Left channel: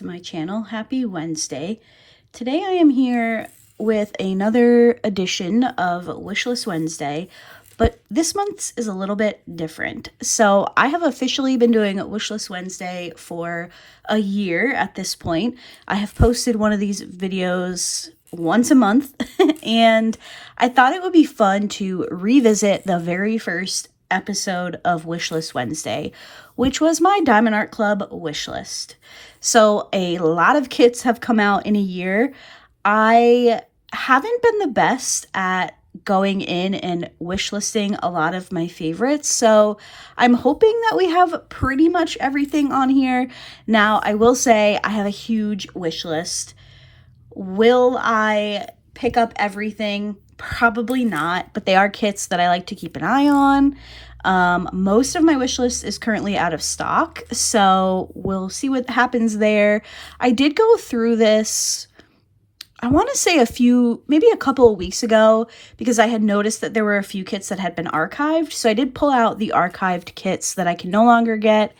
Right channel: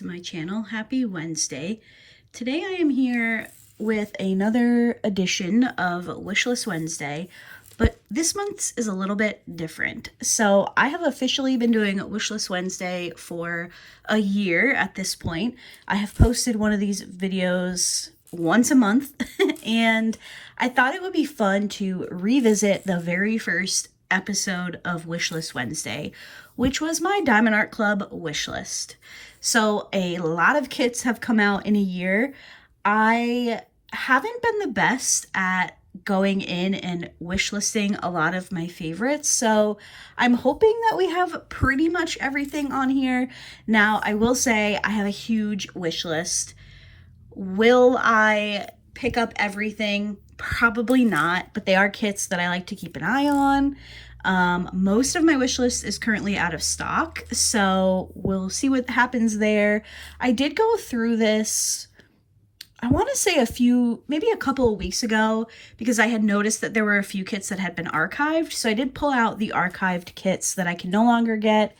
to my channel. Happy Wednesday. Today I am here with another edition of Wishlist Wednesday, but this month's is a little bit different. So I have officially been doing Wishlist Wednesday for a year at this point. I have posted one of these videos once a month and I thought it would be fun to revisit the very first episode of Wishlist Wednesday, which was my Diamond Art Club wish list. So a lot of kits have come out in a year. I haven't been the best at going in and wish listing a lot of my favorites, so I'm hoping that we have pretty much everything on here. Now, I will say I have a huge wish list. Will I pick up everything? Probably not, but they are kits that I like to keep an eye on. Most of my wish list is currently out of stock, so we'll see what happens there. I did go through this, I want to say maybe a couple of weeks ago, because I had noticed that there were a few kits that had been archived. So I did pull out the archived kits that I can no longer get.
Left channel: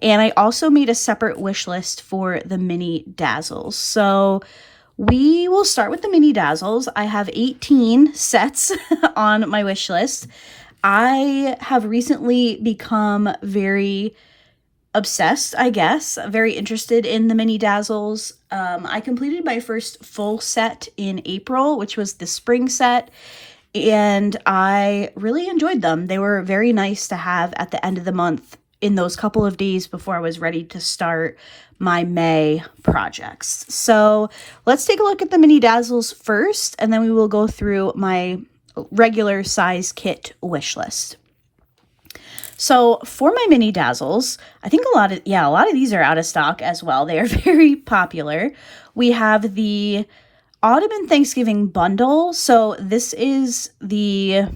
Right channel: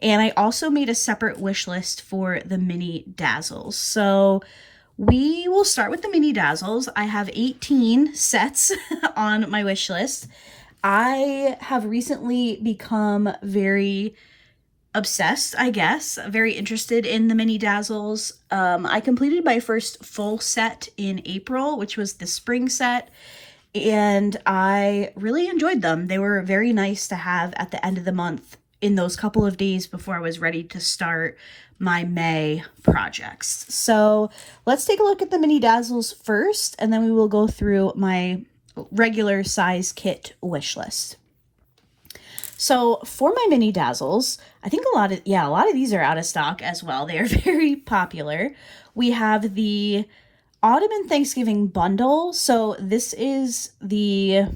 And I also made a separate wish list for the mini dazzles. So we will start with the mini dazzles. I have 18 sets on my wish list. I have recently become very obsessed, I guess, very interested in the mini dazzles. I completed my first full set in April, which was the spring set, and I really enjoyed them. They were very nice to have at the end of the month in those couple of days before I was ready to start my May projects. So let's take a look at the mini dazzles first, and then we will go through my regular size kit wish list. So for my mini dazzles, I think a lot of these are out of stock as well. They are very popular. We have the Autumn and Thanksgiving bundle. So this is the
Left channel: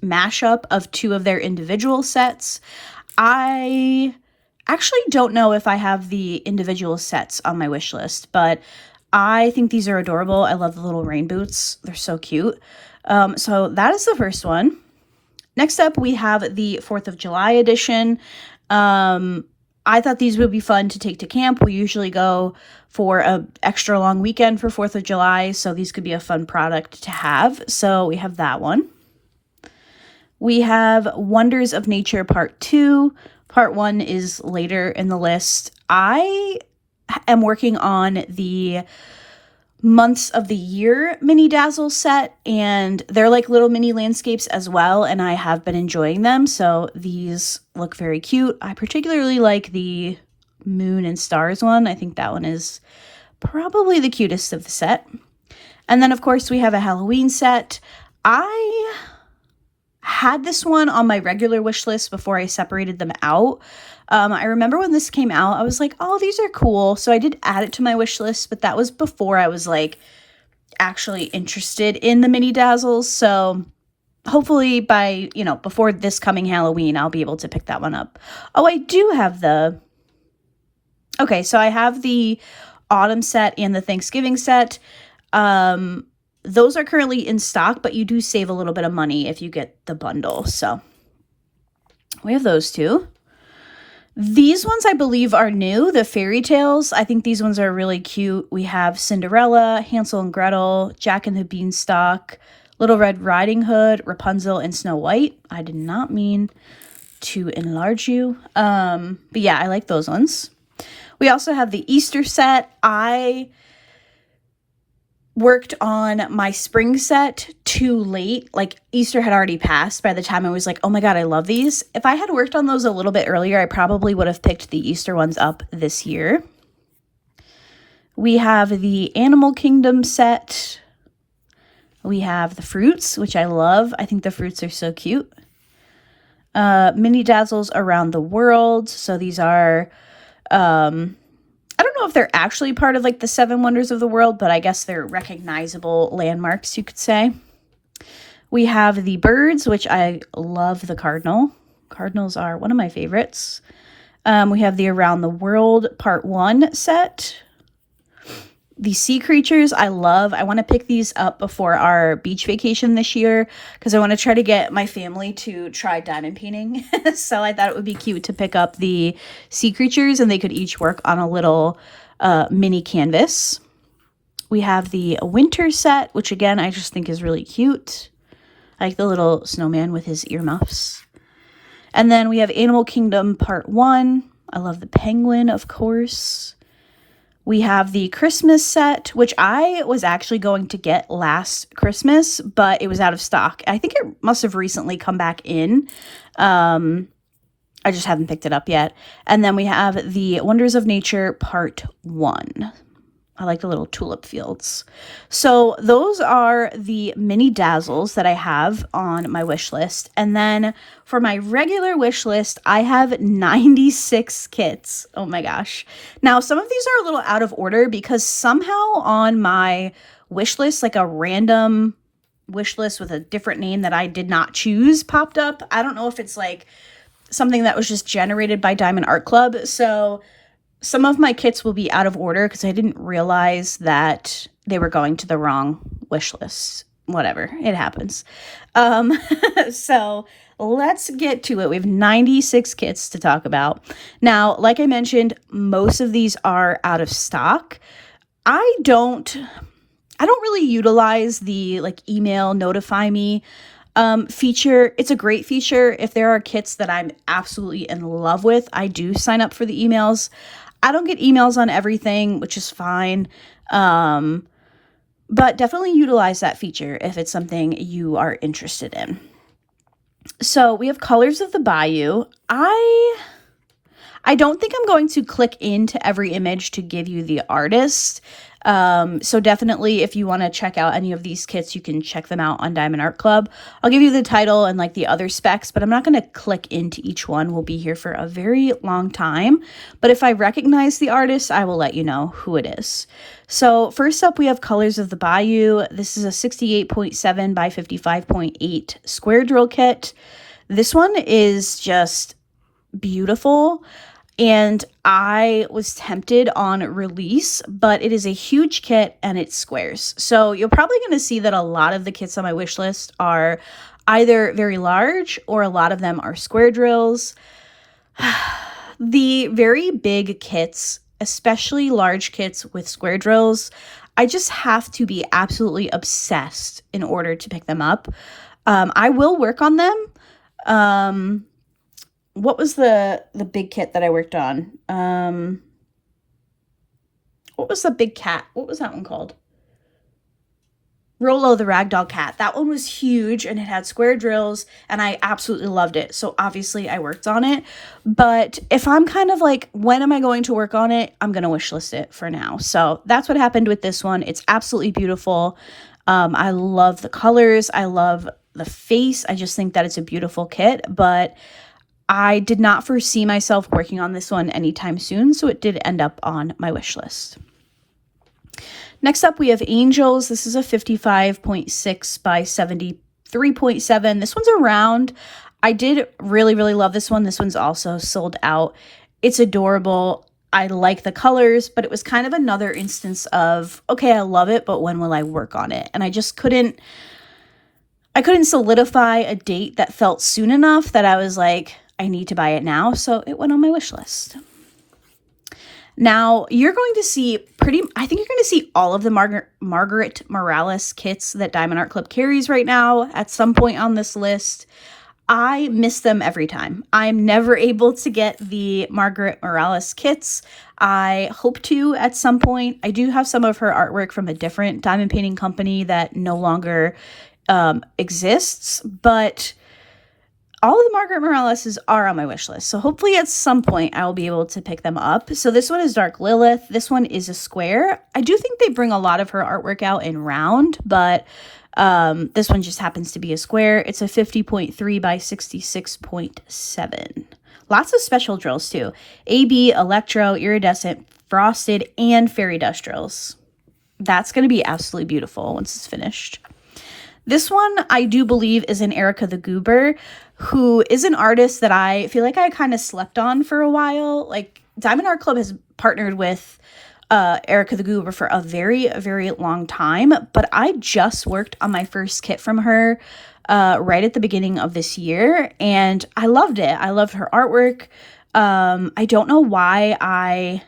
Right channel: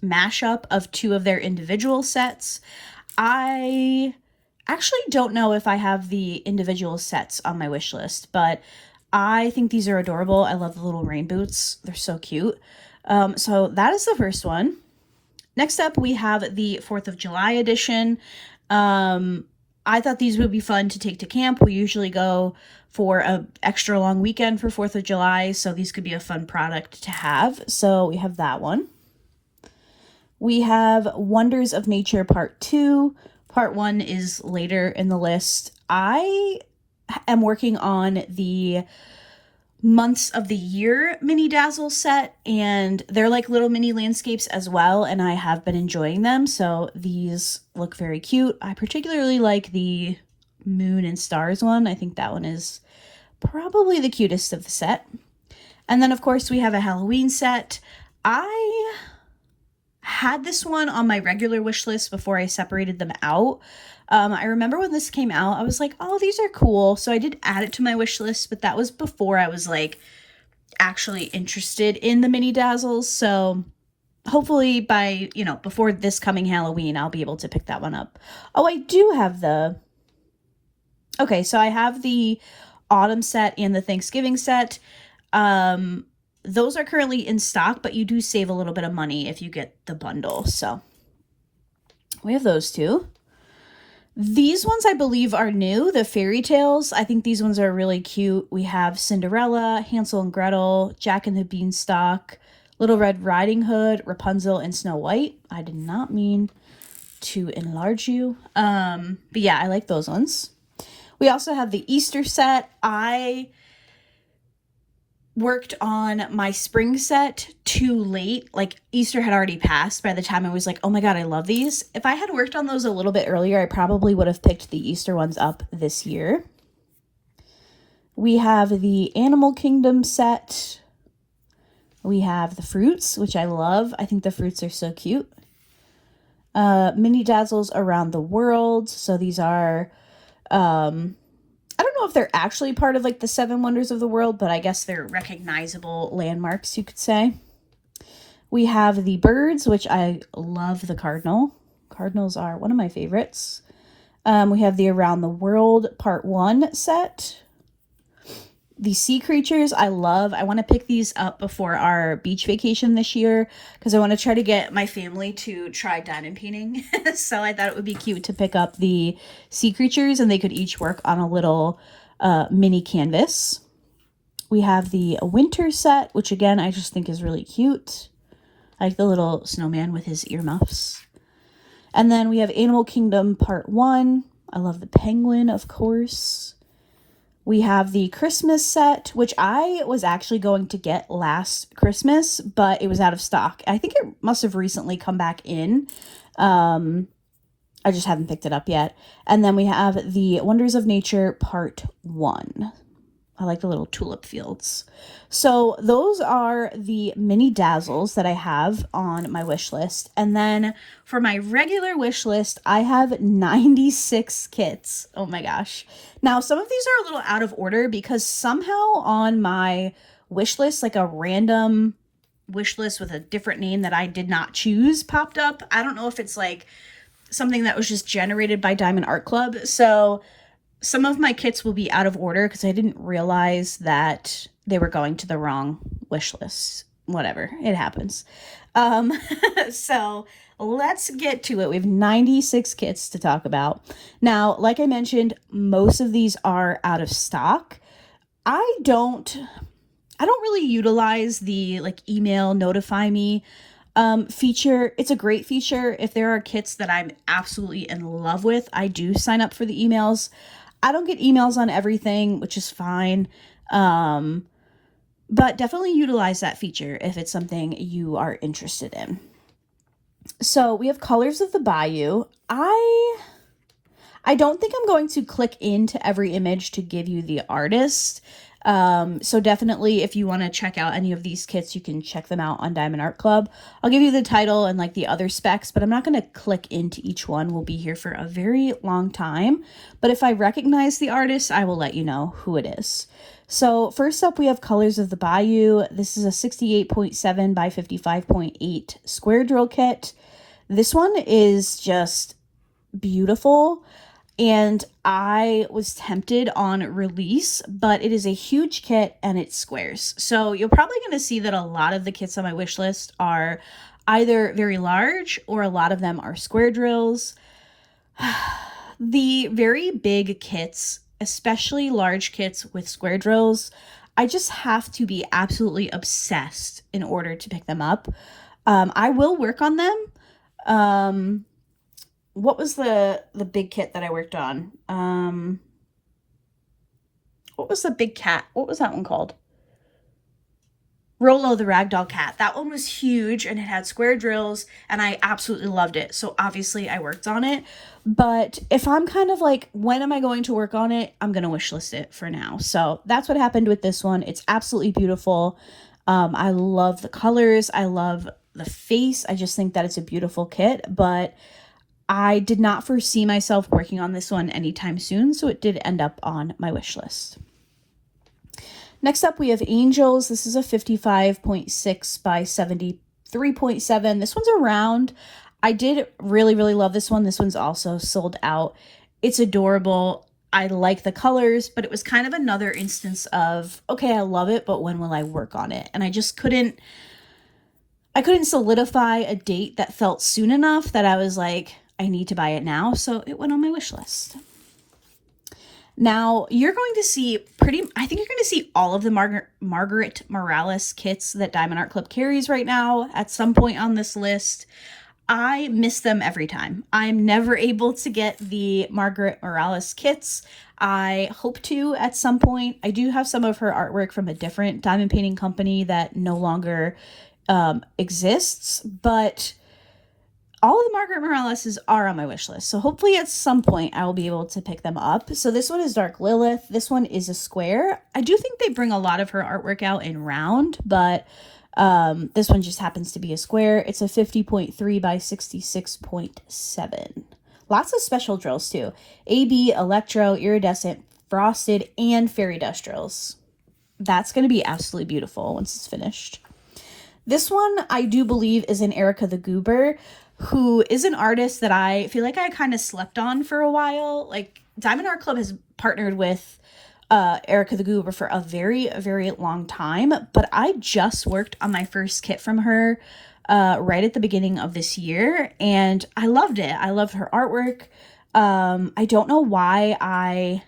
mashup of two of their individual sets. I actually don't know if I have the individual sets on my wish list, but I think these are adorable. I love the little rain boots. They're so cute. So that is the first one. Next up, we have the 4th of July edition. I thought these would be fun to take to camp. We usually go for an extra long weekend for 4th of July, so these could be a fun product to have. So we have that one. We have Wonders of Nature Part 2. Part 1 is later in the list. I am working on the months of the year mini dazzle set, and they're like little mini landscapes as well, and I have been enjoying them, so these look very cute. I particularly like the moon and stars one. I think that one is probably the cutest of the set. And then of course we have a Halloween set. I had this one on my regular wish list before I separated them out. I remember when this came out, I was like, oh, these are cool. So I did add it to my wish list, but that was before I was like actually interested in the mini dazzles. So hopefully by, before this coming Halloween, I'll be able to pick that one up. Oh, I do have okay, so I have the autumn set and the Thanksgiving set. Those are currently in stock, but you do save a little bit of money if you get the bundle. So we have those two. These ones I believe are new, the fairy tales. I think these ones are really cute. We have Cinderella, Hansel and Gretel, Jack and the Beanstalk, Little Red Riding Hood, Rapunzel, and Snow White. I did not mean to enlarge you. But yeah, I like those ones. We also have the Easter set. I worked on my spring set too late. Like Easter had already passed by the time I was like, oh my God, I love these. If I had worked on those a little bit earlier, I probably would have picked the Easter ones up this year. We have the Animal Kingdom set. We have the fruits, which I love. I think the fruits are so cute. Mini dazzles around the world. So these are, I don't know if they're actually part of like the 7 wonders of the world, but I guess they're recognizable landmarks, you could say. We have the birds, which I love the cardinal. Cardinals are one of my favorites. We have the Around the World Part 1 set. The sea creatures I love. I want to pick these up before our beach vacation this year because I want to try to get my family to try diamond painting. So I thought it would be cute to pick up the sea creatures and they could each work on a little mini canvas. We have the winter set, which again, I just think is really cute. I like the little snowman with his earmuffs. And then we have Animal Kingdom Part 1. I love the penguin, of course. We have the Christmas set, which I was actually going to get last Christmas, but it was out of stock. I think it must have recently come back in. I just haven't picked it up yet. And then we have the Wonders of Nature Part 1. I like the little tulip fields. So those are the mini dazzles that I have on my wish list. And then for my regular wish list, I have 96 kits. Oh my gosh. Now, some of these are a little out of order because somehow on my wish list, like a random wish list with a different name that I did not choose popped up. I don't know if it's like something that was just generated by Diamond Art Club. So some of my kits will be out of order because I didn't realize that they were going to the wrong wish list. Whatever, it happens. So let's get to it. We have 96 kits to talk about. Now, like I mentioned, most of these are out of stock. I don't really utilize the like email notify me feature. It's a great feature. If there are kits that I'm absolutely in love with, I do sign up for the emails. I don't get emails on everything, which is fine. But definitely utilize that feature if it's something you are interested in. So we have Colors of the Bayou. I don't think I'm going to click into every image to give you the artist. So definitely if you want to check out any of these kits, you can check them out on Diamond Art Club. I'll give you the title and like the other specs, but I'm not going to click into each one. We'll be here for a very long time. But if I recognize the artist, I will let you know who it is. So first up, we have Colors of the Bayou. This is a 68.7 by 55.8 square drill kit. This one is just beautiful. And I was tempted on release, but it is a huge kit and it's squares. So you're probably going to see that a lot of the kits on my wish list are either very large or a lot of them are square drills. The very big kits, especially large kits with square drills, I just have to be absolutely obsessed in order to pick them up. I will work on them. What was the big kit that I worked on? What was the big cat? What was that one called? Rolo the Ragdoll Cat. That one was huge and it had square drills and I absolutely loved it. So obviously I worked on it. But if I'm kind of like, when am I going to work on it? I'm going to wish list it for now. So that's what happened with this one. It's absolutely beautiful. I love the colors. I love the face. I just think that it's a beautiful kit. But I did not foresee myself working on this one anytime soon, so it did end up on my wish list. Next up, we have Angels. This is a 55.6 by 73.7. This one's a round. I did really, really love this one. This one's also sold out. It's adorable. I like the colors, but it was kind of another instance of, okay, I love it, but when will I work on it? And I just couldn't solidify a date that felt soon enough that I was like, I need to buy it now, so it went on my wish list. Now, you're going to see I think you're going to see all of the Margaret Morales kits that Diamond Art Club carries right now at some point on this list. I miss them every time. I'm never able to get the Margaret Morales kits. I hope to at some point. I do have some of her artwork from a different diamond painting company that no longer exists, but all of the Margaret Moraleses are on my wish list. So hopefully at some point I will be able to pick them up. So this one is Dark Lilith. This one is a square. I do think they bring a lot of her artwork out in round, but this one just happens to be a square. It's a 50.3 by 66.7. Lots of special drills too. AB, electro, iridescent, frosted, and fairy dust drills. That's going to be absolutely beautiful once it's finished. This one I do believe is an Erica the Goober, who is an artist that I feel like I kind of slept on for a while. Like Diamond Art Club has partnered with Erica the Goober for a very, very long time, but I just worked on my first kit from her right at the beginning of this year, and I loved it. I loved her artwork. I don't know why I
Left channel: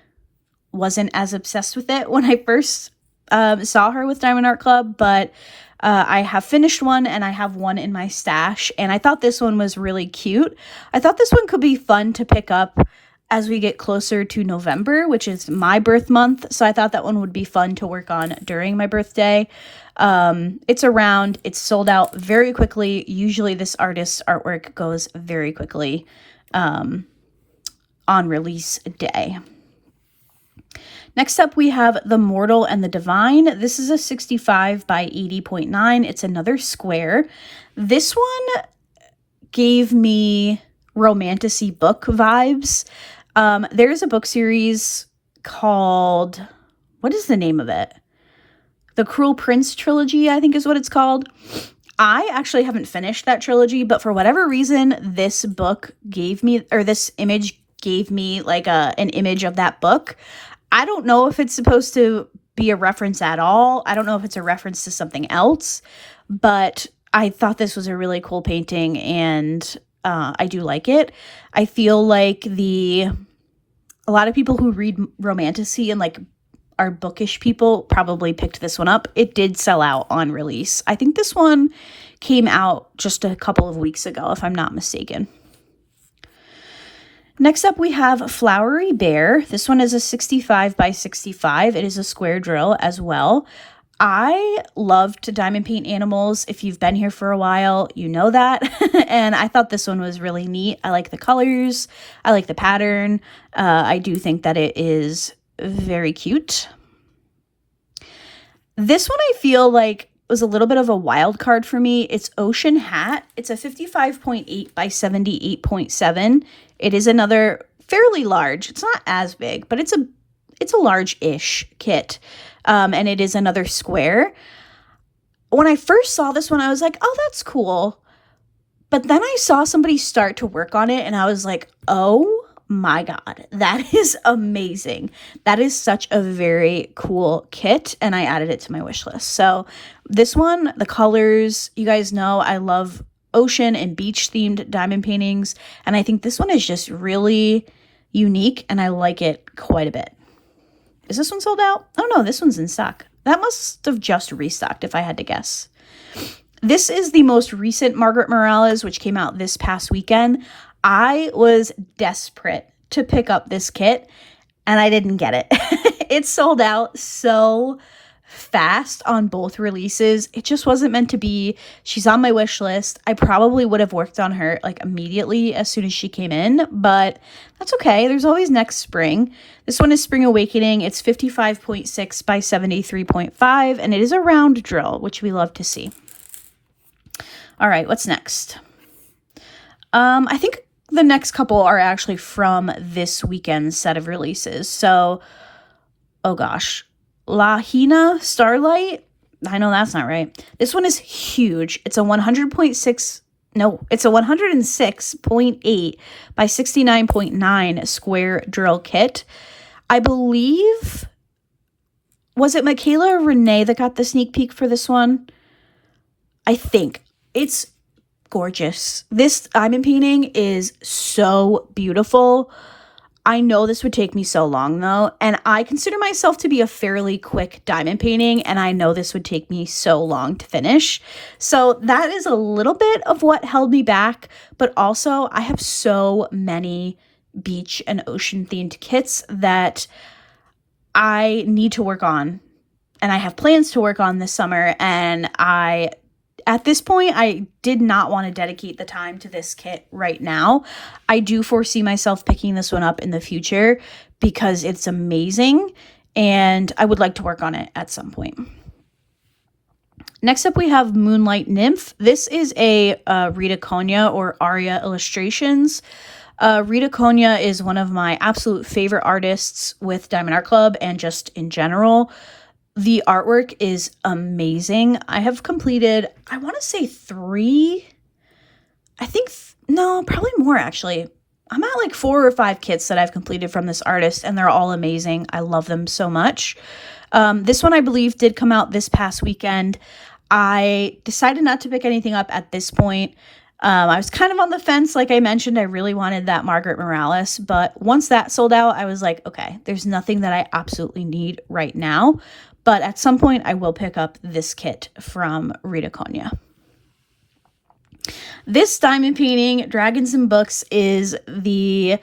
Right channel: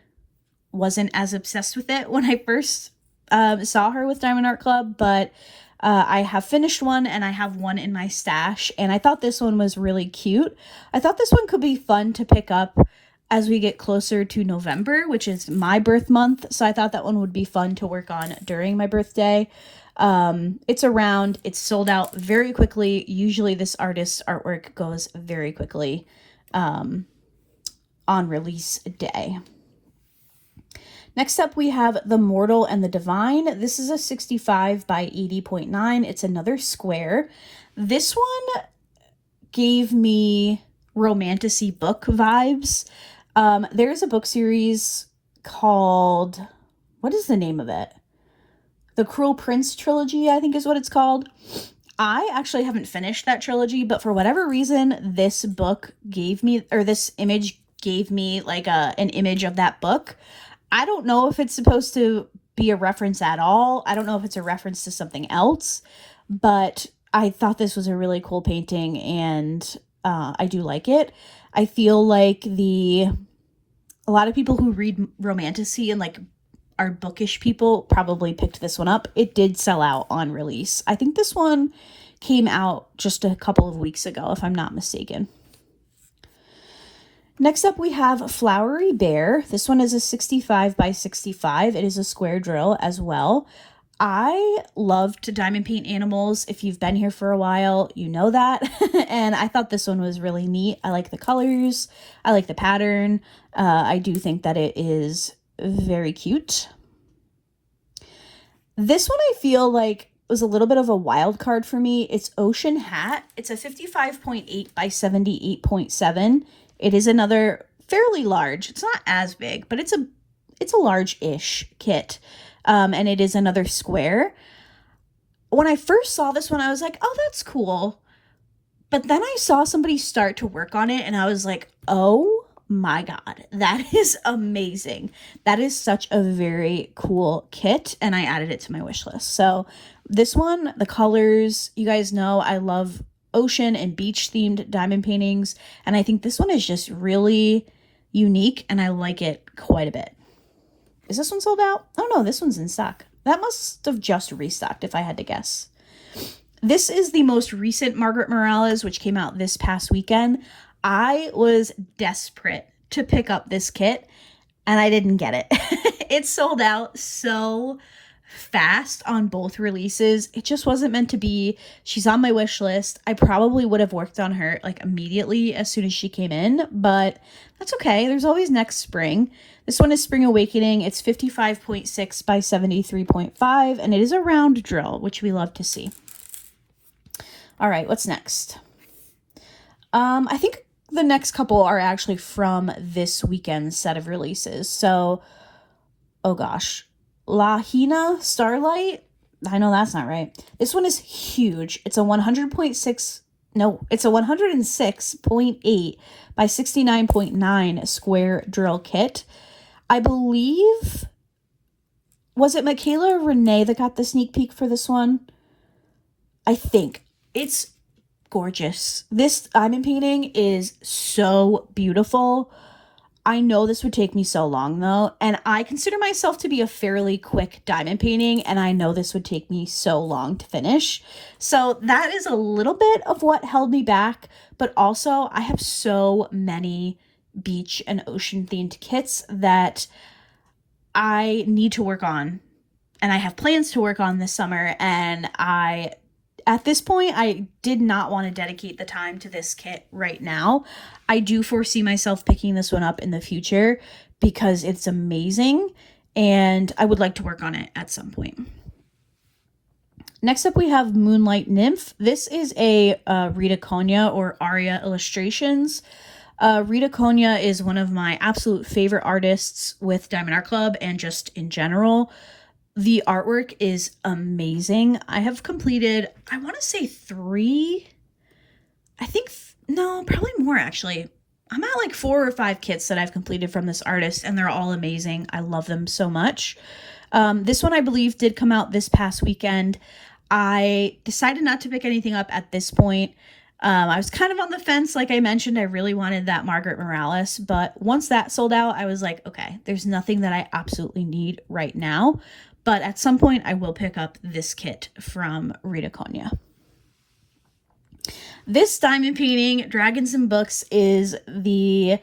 wasn't as obsessed with it when I first saw her with Diamond Art Club, but I have finished one and I have one in my stash, and I thought this one was really cute. I thought this one could be fun to pick up as we get closer to November, which is my birth month. So I thought that one would be fun to work on during my birthday. It's sold out very quickly. Usually this artist's artwork goes very quickly on release day. Next up, we have The Mortal and the Divine. This is a 65 by 80.9. It's another square. This one gave me romantasy book vibes. There's a book series called, what is the name of it? The Cruel Prince trilogy, I think is what it's called. I actually haven't finished that trilogy, but for whatever reason, this image gave me like an image of that book. I don't know if it's supposed to be a reference at all. I don't know if it's a reference to something else, but I thought this was a really cool painting, and I do like it. I feel like a lot of people who read romantasy and like are bookish people probably picked this one up. It did sell out on release. I think this one came out just a couple of weeks ago, if I'm not mistaken. Next up, we have Flowery Bear. This one is a 65 by 65. It is a square drill as well. I love to diamond paint animals. If you've been here for a while, you know that. And I thought this one was really neat. I like the colors. I like the pattern. I do think that it is very cute. This one I feel like was a little bit of a wild card for me. It's Ocean Hat. It's a 55.8 by 78.7. It is another fairly large. It's not as big, but it's a large-ish kit. And it is another square. When I first saw this one, I was like, oh, that's cool. But then I saw somebody start to work on it, and I was like, oh my God, that is amazing. That is such a very cool kit, and I added it to my wish list. So this one, the colors, you guys know I love ocean and beach themed diamond paintings, and I think this one is just really unique, and I like it quite a bit. Is this one sold out? Oh no, this one's in stock. That must have just restocked if I had to guess. This is the most recent Margaret Morales, which came out this past weekend. I was desperate to pick up this kit, and I didn't get it. It sold out so fast on both releases. It just wasn't meant to be. She's on my wish list. I probably would have worked on her like immediately as soon as she came in, but that's okay. There's always next spring. This one is Spring Awakening. It's 55.6 by 73.5, and it is a round drill, which we love to see. All right, what's next? I think the next couple are actually from this weekend's set of releases. So, oh gosh. Lahina Starlight. I know that's not right. This one is huge. It's a 106.8 by 69.9 square drill kit. I believe, was it Michaela or Renee that got the sneak peek for this one? I think. It's gorgeous. This diamond painting is so beautiful. I know this would take me so long though, and I consider myself to be a fairly quick diamond painting, and I know this would take me so long to finish. So that is a little bit of what held me back, but also I have so many beach and ocean themed kits that I need to work on, and I have plans to work on this summer, and at this point, I did not want to dedicate the time to this kit right now. I do foresee myself picking this one up in the future because it's amazing, and I would like to work on it at some point. Next up, we have Moonlight Nymph. This is a Rita Konya or Aria Illustrations. Rita Konya is one of my absolute favorite artists with Diamond Art Club and just in general. The artwork is amazing. I have completed, I want to say 3, probably more actually. I'm at like 4 or 5 kits that I've completed from this artist, and they're all amazing. I love them so much. This one I believe did come out this past weekend. I decided not to pick anything up at this point. I was kind of on the fence. Like I mentioned, I really wanted that Margaret Morales, but once that sold out, I was like, okay, there's nothing that I absolutely need right now. But at some point, I will pick up this kit from Rita Konya. This diamond painting, Dragons and Books, is the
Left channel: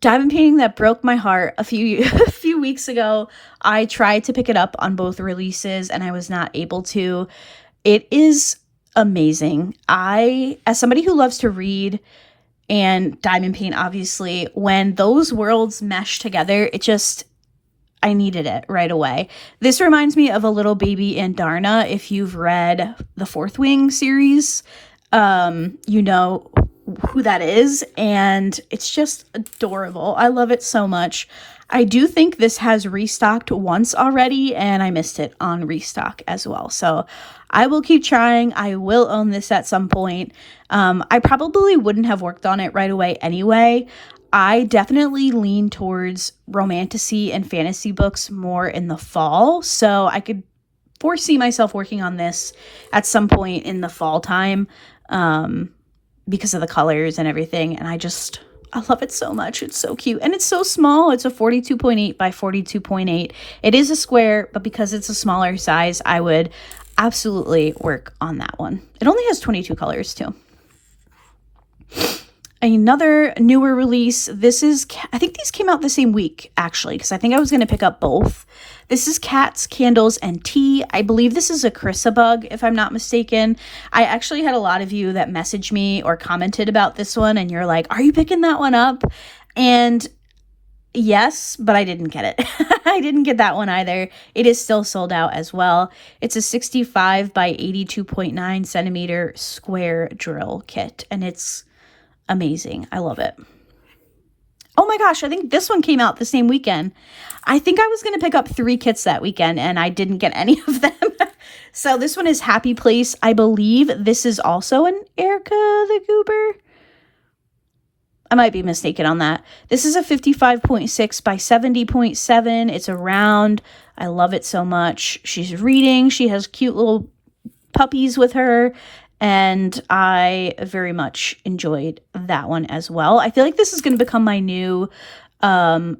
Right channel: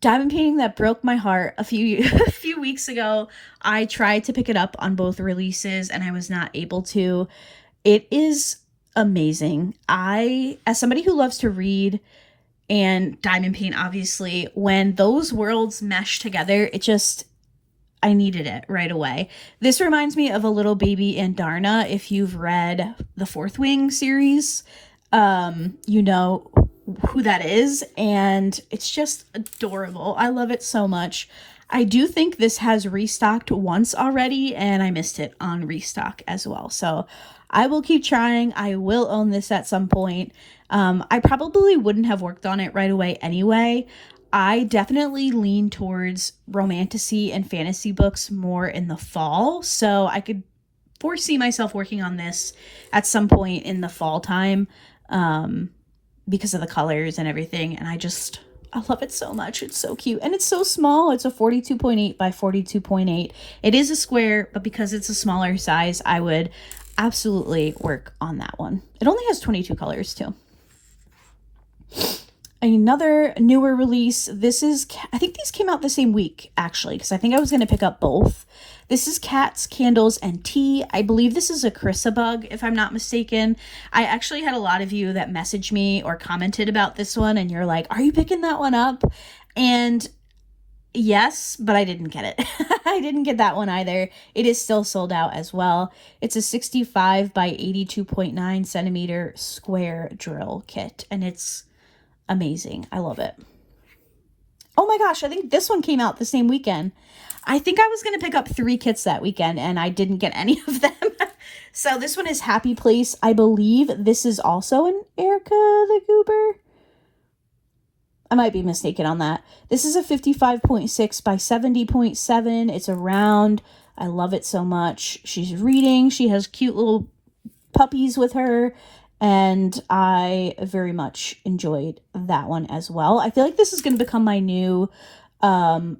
diamond painting that broke my heart a few weeks ago. I tried to pick it up on both releases and I was not able to. It is amazing. As somebody who loves to read and diamond paint, obviously, when those worlds mesh together, I needed it right away. This reminds me of a little baby Andarna. If you've read the Fourth Wing series, you know who that is, and it's just adorable. I love it so much. I do think this has restocked once already, and I missed it on restock as well. So I will keep trying. I will own this at some point. I probably wouldn't have worked on it right away anyway. I definitely lean towards romantasy and fantasy books more in the fall, so I could foresee myself working on this at some point in the fall time, because of the colors and everything, and I love it so much. It's so cute, and it's so small. It's a 42.8 by 42.8. It is a square, but because it's a smaller size, I would absolutely work on that one. It only has 22 colors too. Another newer release. I think these came out the same week, actually, because I think I was going to pick up both. This is Cats, Candles, and Tea. I believe this is a Chrysabug, if I'm not mistaken. I actually had a lot of you that messaged me or commented about this one, and you're like, are you picking that one up? And yes, but I didn't get it. I didn't get that one either. It is still sold out as well. It's a 65 by 82.9 centimeter square drill kit, and it's amazing. I love it. Oh my gosh, I think this one came out the same weekend. I think I was going to pick up 3 kits that weekend, and I didn't get any of them. So this one is Happy Place. I believe this is also an Erica the Goober. I might be mistaken on that. This is a 55.6 by 70.7. It's a round. I love it so much. She's reading. She has cute little puppies with her, and I very much enjoyed that one as well. I feel like this is going to become my new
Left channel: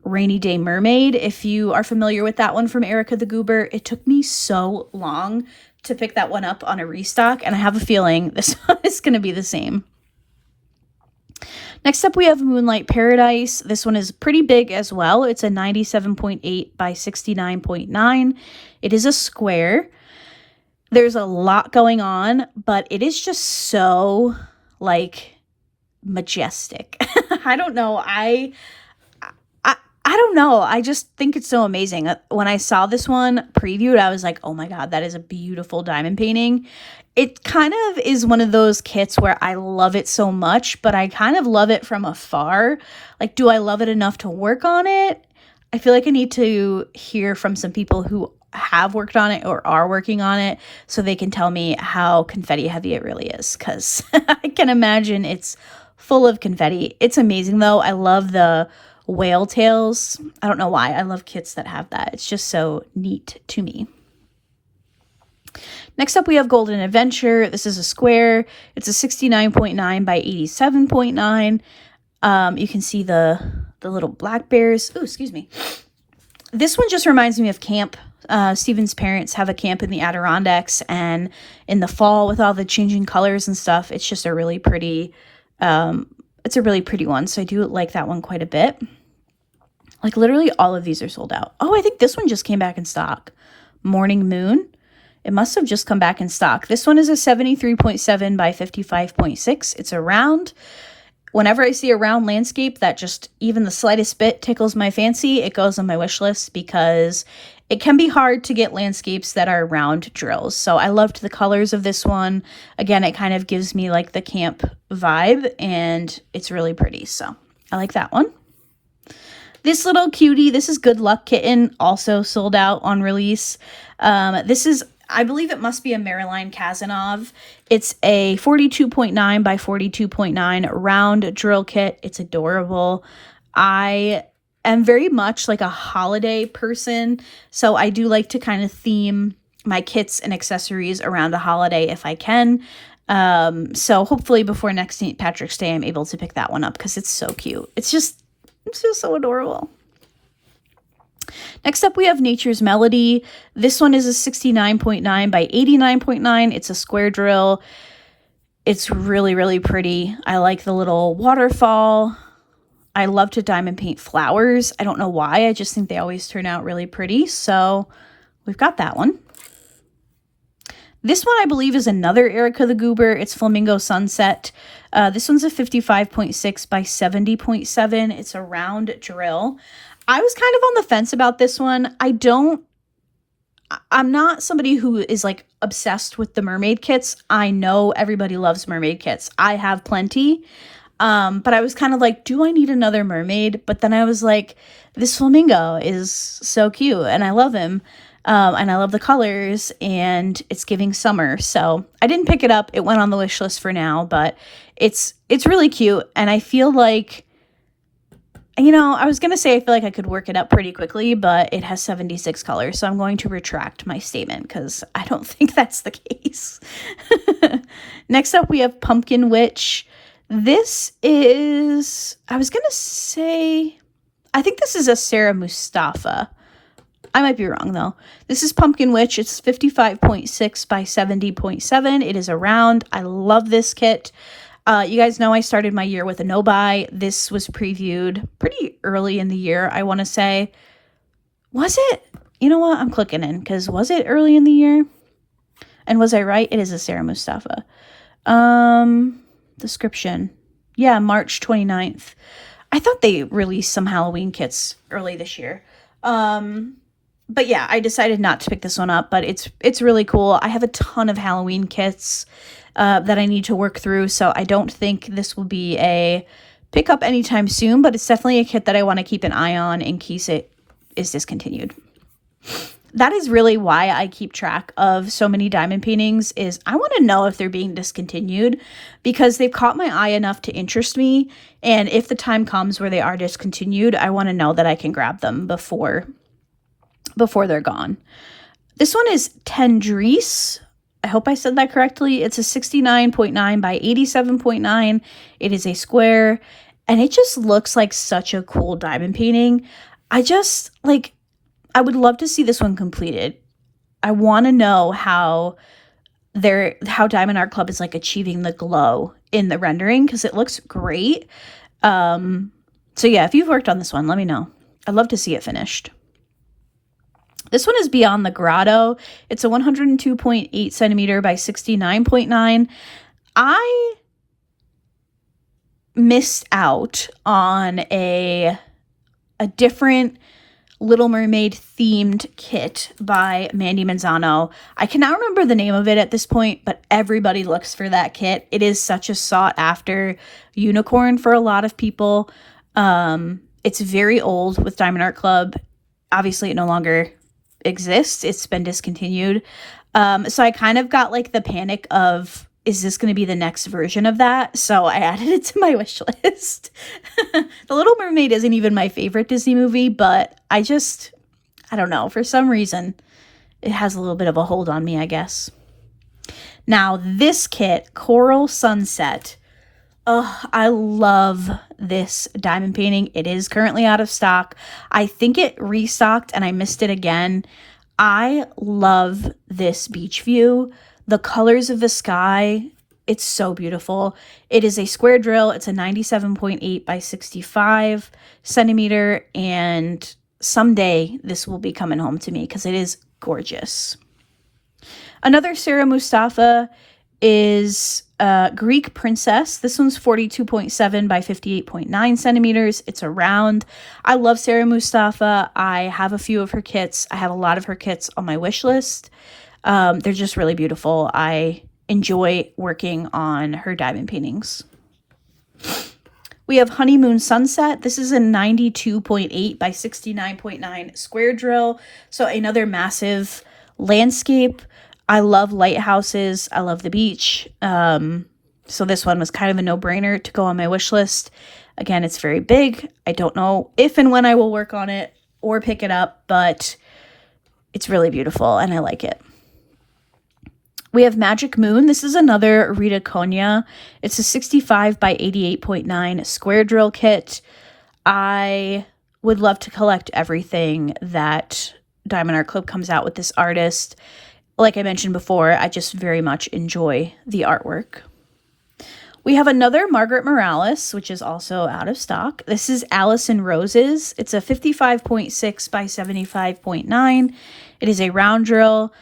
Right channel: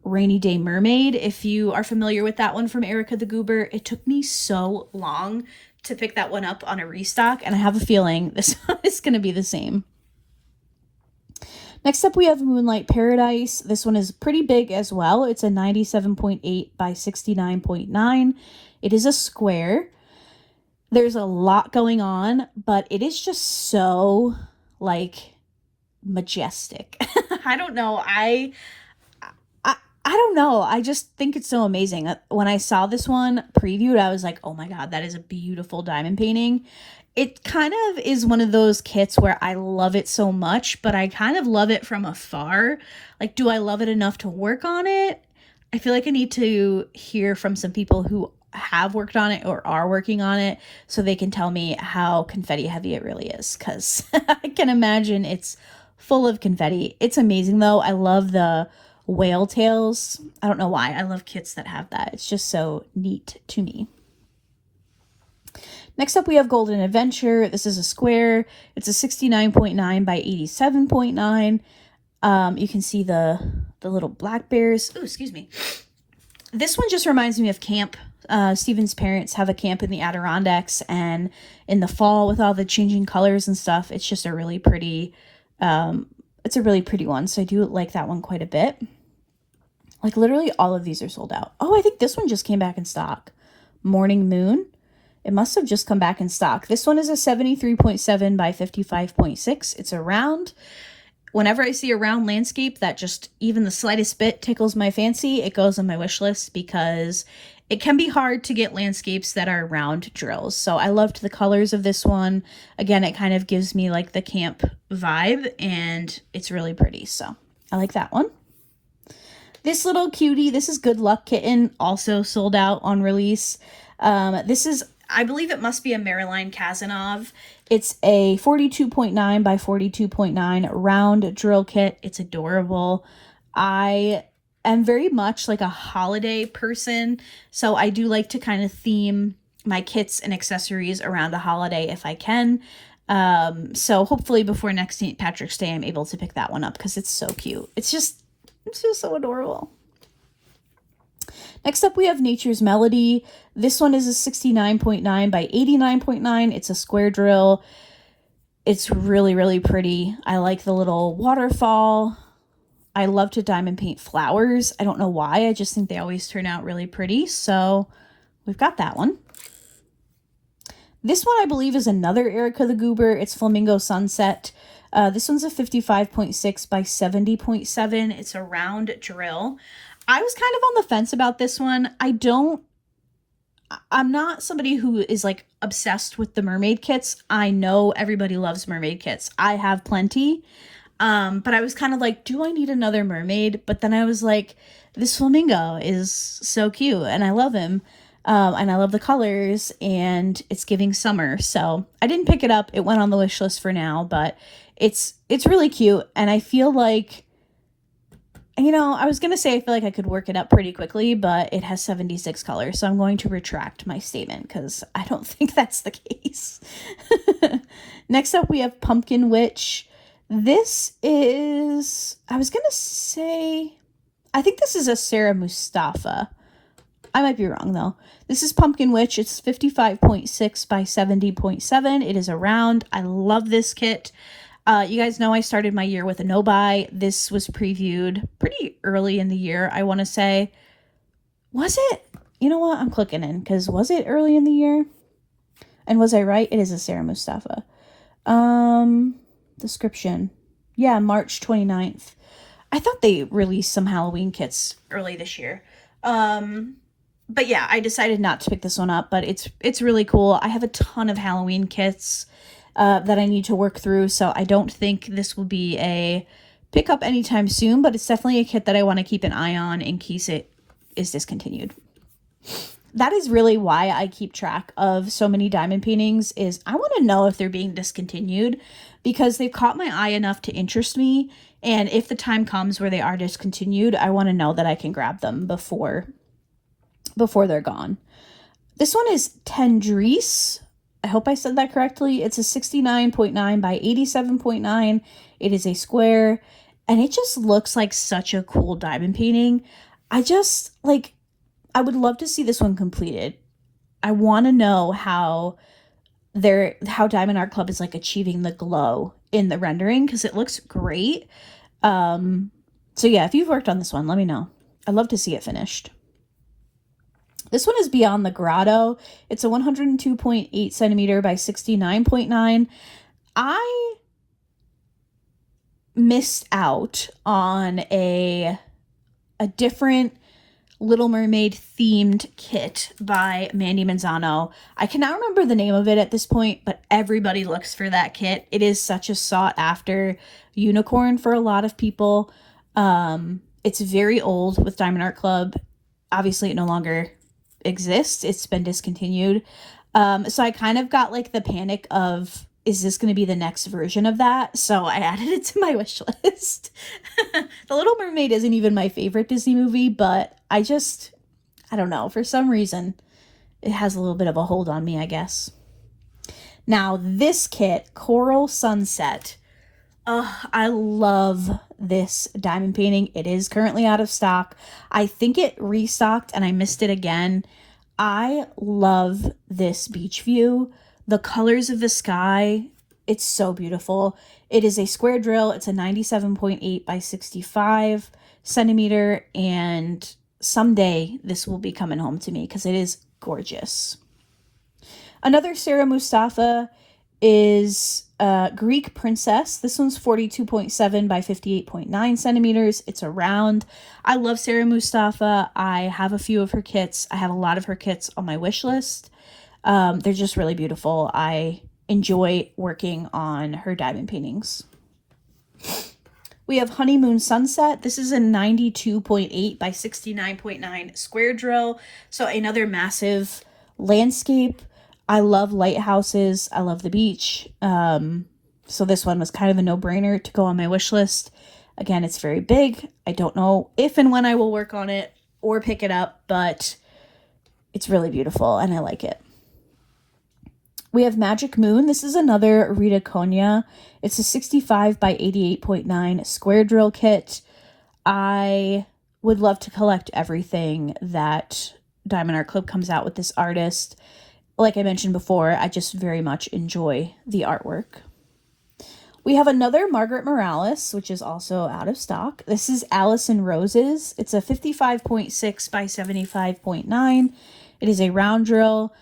Rainy Day Mermaid. If you are familiar with that one from Erica the Goober, it took me so long to pick that one up on a restock, and I have a feeling this one is going to be the same. Next up, we have Moonlight Paradise. This one is pretty big as well. It's a 97.8 by 69.9. It is a square. There's a lot going on, but it is just so, like, majestic. I don't know. I don't know. I just think it's so amazing. When I saw this one previewed, I was like, oh my God, that is a beautiful diamond painting. It kind of is one of those kits where I love it so much, but I kind of love it from afar. Like, do I love it enough to work on it? I feel like I need to hear from some people who have worked on it or are working on it so they can tell me how confetti heavy it really is, because I can imagine it's full of confetti. It's amazing though. I love the whale tails. I don't know why. I love kits that have that. It's just so neat to me. Next up, we have Golden Adventure. This is a square. It's a 69.9 by 87.9. You can see the little black bears. Oh, excuse me. This one just reminds me of camp. Stephen's parents have a camp in the Adirondacks, and in the fall with all the changing colors and stuff, it's just a really pretty, it's a really pretty one. So I do like that one quite a bit. Like literally all of these are sold out. Oh, I think this one just came back in stock. Morning Moon. It must have just come back in stock. This one is a 73.7 by 55.6. It's a round. Whenever I see a round landscape that just even the slightest bit tickles my fancy, it goes on my wish list, because it can be hard to get landscapes that are round drills. So I loved the colors of this one. Again, it kind of gives me like the camp vibe, and it's really pretty. So I like that one. This little cutie, this is Good Luck Kitten, also sold out on release. This is, I believe it must be a Marilyn Kazanov. It's a 42.9 by 42.9 round drill kit. It's adorable. I am very much like a holiday person, so I do like to kind of theme my kits and accessories around a holiday if I can. So hopefully before next St. Patrick's Day, I'm able to pick that one up because it's so cute. It's just so adorable. Next up, we have Nature's Melody. This one is a 69.9 by 89.9. It's a square drill. It's really, really pretty. I like the little waterfall. I love to diamond paint flowers. I don't know why. I just think they always turn out really pretty. So we've got that one. This one, I believe, is another Erica the Goober. It's Flamingo Sunset. This one's a 55.6 by 70.7. It's a round drill. I was kind of on the fence about this one. I'm not somebody who is like obsessed with the mermaid kits. I know everybody loves mermaid kits. I have plenty. But I was kind of like, do I need another mermaid? But then I was like, this flamingo is so cute and I love him. And I love the colors and it's giving summer. So I didn't pick it up. It went on the wish list for now, but it's really cute. And I feel like, you know, I was going to say I feel like I could work it up pretty quickly, but it has 76 colors. So I'm going to retract my statement because I don't think that's the case. Next up, we have Pumpkin Witch. This is, I was going to say, I think this is a Sarah Mustafa. I might be wrong though. This is Pumpkin Witch. It's 55.6 by 70.7. It is a round. I love this kit. You guys know I started my year with a no-buy. This was previewed pretty early in the year, I want to say. Was it? You know what? I'm clicking in because was it early in the year? And was I right? It is a Sarah Mustafa. Description. Yeah, March 29th. I thought they released some Halloween kits early this year. But yeah, I decided not to pick this one up, but it's really cool. I have a ton of Halloween kits that I need to work through, so I don't think this will be a pickup anytime soon, but it's definitely a kit that I want to keep an eye on in case it is discontinued. That is really why I keep track of so many diamond paintings, is I want to know if they're being discontinued because they've caught my eye enough to interest me, and if the time comes where they are discontinued, I want to know that I can grab them before they're gone. This one is Tendresse. I hope I said that correctly. It's a 69.9 by 87.9. It is a square, and it just looks like such a cool diamond painting. I would love to see this one completed. I want to know how Diamond Art Club is like achieving the glow in the rendering because it looks great. So yeah, if you've worked on this one, let me know. I'd love to see it finished. This one is Beyond the Grotto. It's a 102.8 centimeter by 69.9. I missed out on a different Little Mermaid themed kit by Mandy Manzano. I cannot remember the name of it at this point, but everybody looks for that kit. It is such a sought after unicorn for a lot of people. It's very old with Diamond Art Club. Obviously, it no longer exists. It's been discontinued. So I kind of got like the panic of, is this going to be the next version of that? So I added it to my wish list. The Little Mermaid isn't even my favorite Disney movie, but I don't know. For some reason, it has a little bit of a hold on me, I guess. Now, this kit, Coral Sunset. Oh, I love this diamond painting. It is currently out of stock. I think it restocked and I missed it again. I love this beach view. The colors of the sky, it's so beautiful. It is a square drill. It's a 97.8 by 65 centimeter. And someday this will be coming home to me because it is gorgeous. Another Sarah Mustafa is Greek Princess. This one's 42.7 by 58.9 centimeters. It's a round. I love Sarah Mustafa. I have a few of her kits. I have a lot of her kits on my wish list. They're just really beautiful. I enjoy working on her diamond paintings. We have Honeymoon Sunset. This is a 92.8 by 69.9 square drill. So another massive landscape. I love lighthouses. I love the beach. So this one was kind of a no-brainer to go on my wish list. Again, it's very big. I don't know if and when I will work on it or pick it up, but it's really beautiful and I like it. We have Magic Moon. This is another Rita Konya. It's a 65 by 88.9 square drill kit. I would love to collect everything that Diamond Art Club comes out with this artist. Like I mentioned before, I just very much enjoy the artwork. We have another Margaret Morales, which is also out of stock. This is Alice in Roses. It's a 55.6 by 75.9. It is a round drill.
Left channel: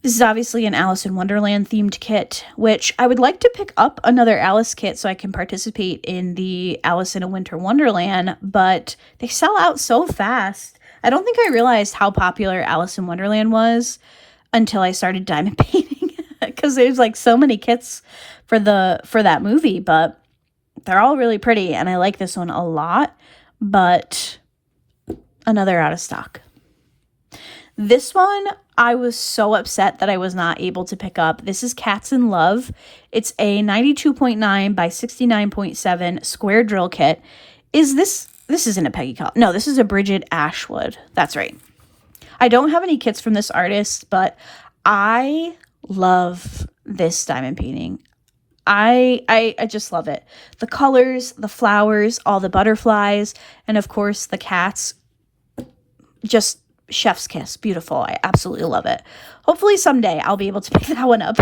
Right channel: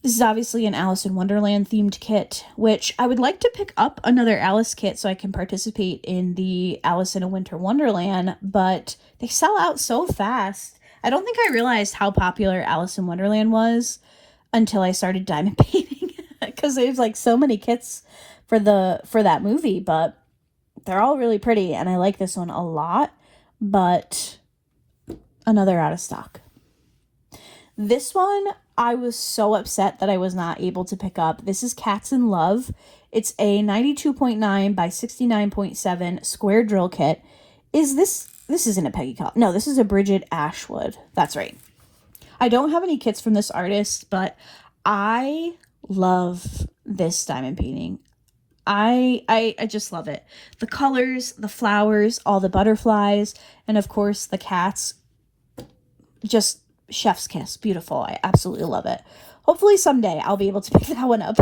This is obviously an Alice in Wonderland themed kit, which I would like to pick up another Alice kit so I can participate in the Alice in a Winter Wonderland, but they sell out so fast. I don't think I realized how popular Alice in Wonderland was until I started diamond painting, because there's like so many kits for that movie, but they're all really pretty, and I like this one a lot, but another out of stock. This one, I was so upset that I was not able to pick up. This is Cats in Love. It's a 92.9 by 69.7 square drill kit. This isn't a Peggy Collins. No, this is a Bridget Ashwood. That's right. I don't have any kits from this artist, but I love this diamond painting. I just love it. The colors, the flowers, all the butterflies, and of course the cats. Just chef's kiss. Beautiful. I absolutely love it. Hopefully someday I'll be able to pick that one up.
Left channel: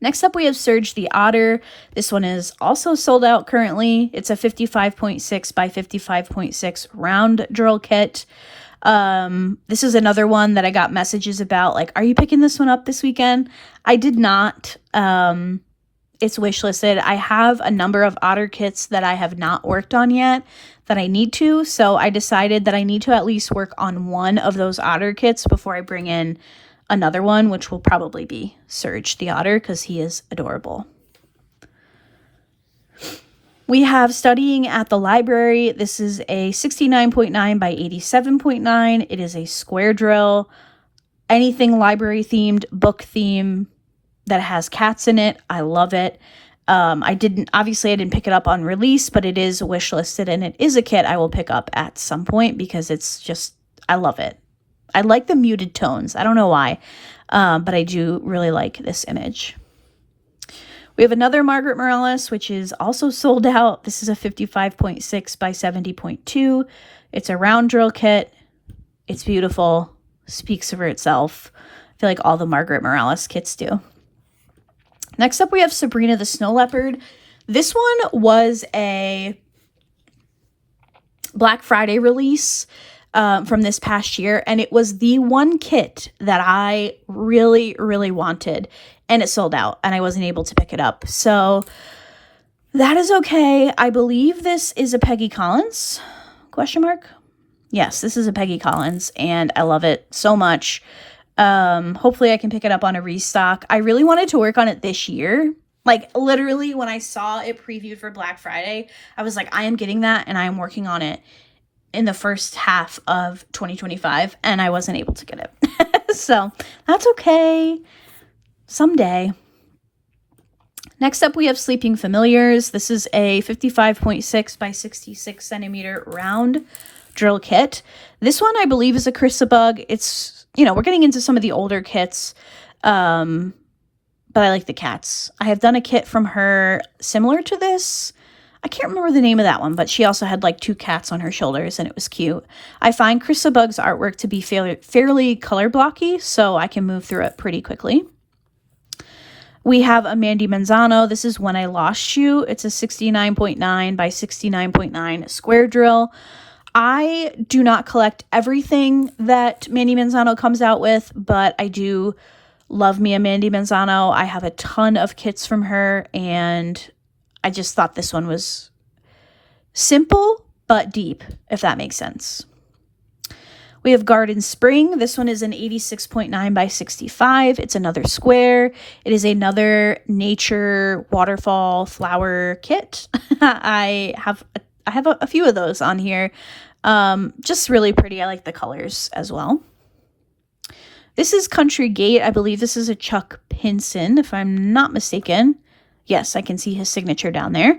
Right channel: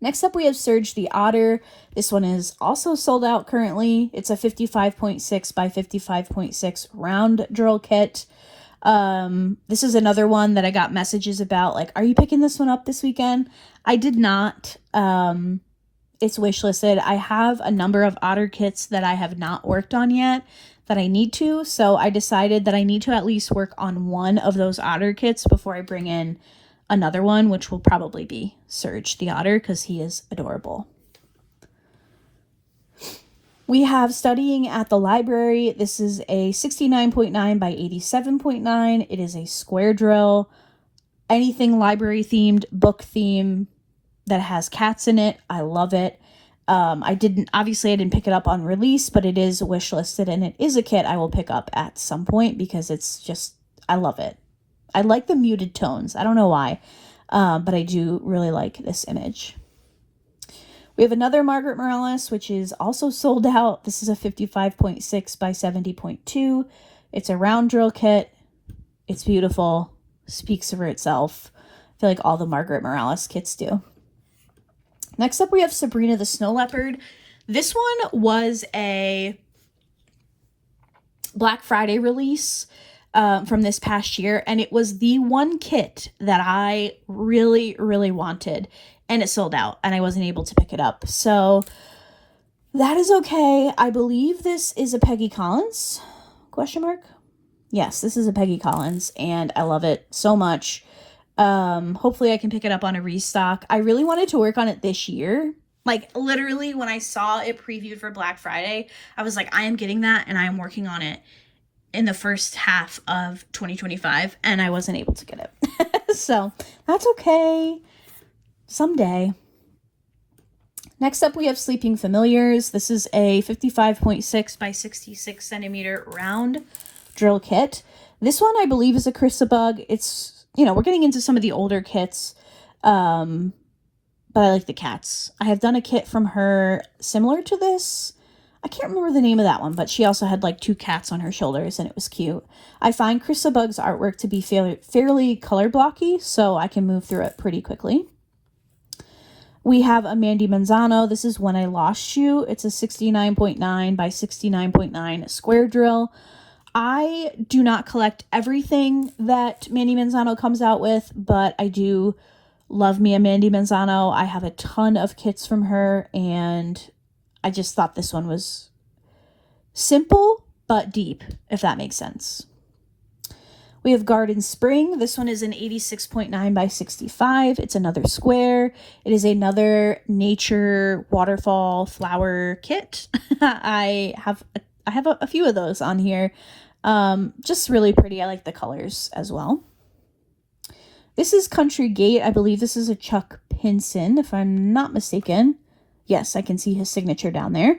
Next up, we have Surge the Otter. This one is also sold out currently. It's a 55.6 by 55.6 round drill kit. This is another one that I got messages about, like, are you picking this one up this weekend? I did not. It's wishlisted. I have a number of otter kits that I have not worked on yet that I need to, so I decided that I need to at least work on one of those otter kits before I bring in another one, which will probably be Surge the Otter, because he is adorable. We have Studying at the Library. This is a 69.9 by 87.9. It is a square drill. Anything library themed, book theme that has cats in it, I love it. I didn't pick it up on release, but it is wish listed, and it is a kit I will pick up at some point because it's just, I love it. I like the muted tones. I don't know why, but I do really like this image. We have another Margaret Morales, which is also sold out. This is a 55.6 by 70.2. It's a round drill kit. It's beautiful. Speaks for itself. I feel like all the Margaret Morales kits do. Next up, we have Sabrina the Snow Leopard. This one was a Black Friday release from this past year, and it was the one kit that I really, really wanted, and it sold out, and I wasn't able to pick it up. So that is okay. I believe this is a Peggy Collins, ? Yes, this is a Peggy Collins, and I love it so much. Hopefully I can pick it up on a restock. I really wanted to work on it this year. Like, literally, when I saw it previewed for Black Friday, I was like, I am getting that, and I am working on it in the first half of 2025, and I wasn't able to get it. So that's okay. Someday. Next up, we have Sleeping Familiars. This is a 55.6 by 66 centimeter round drill kit. This one, I believe, is a Chrysabug. It's, we're getting into some of the older kits, but I like the cats. I have done a kit from her similar to this. I can't remember the name of that one, but she also had like two cats on her shoulders, and it was cute. I find Chrysabug's artwork to be fairly color blocky, so I can move through it pretty quickly. We have a Mandy Manzano. This is When I Lost You. It's a 69.9 by 69.9 square drill. I do not collect everything that Mandy Manzano comes out with, but I do love me a Mandy Manzano. I have a ton of kits from her, and I just thought this one was simple but deep, if that makes sense. We have Garden Spring. This one is an 86.9 by 65. It's another square. It is another nature waterfall flower kit. I have a few of those on here. Just really pretty. I like the colors as well. This is Country Gate. I believe this is a Chuck Pinson, if I'm not mistaken. Yes, I can see his signature down there.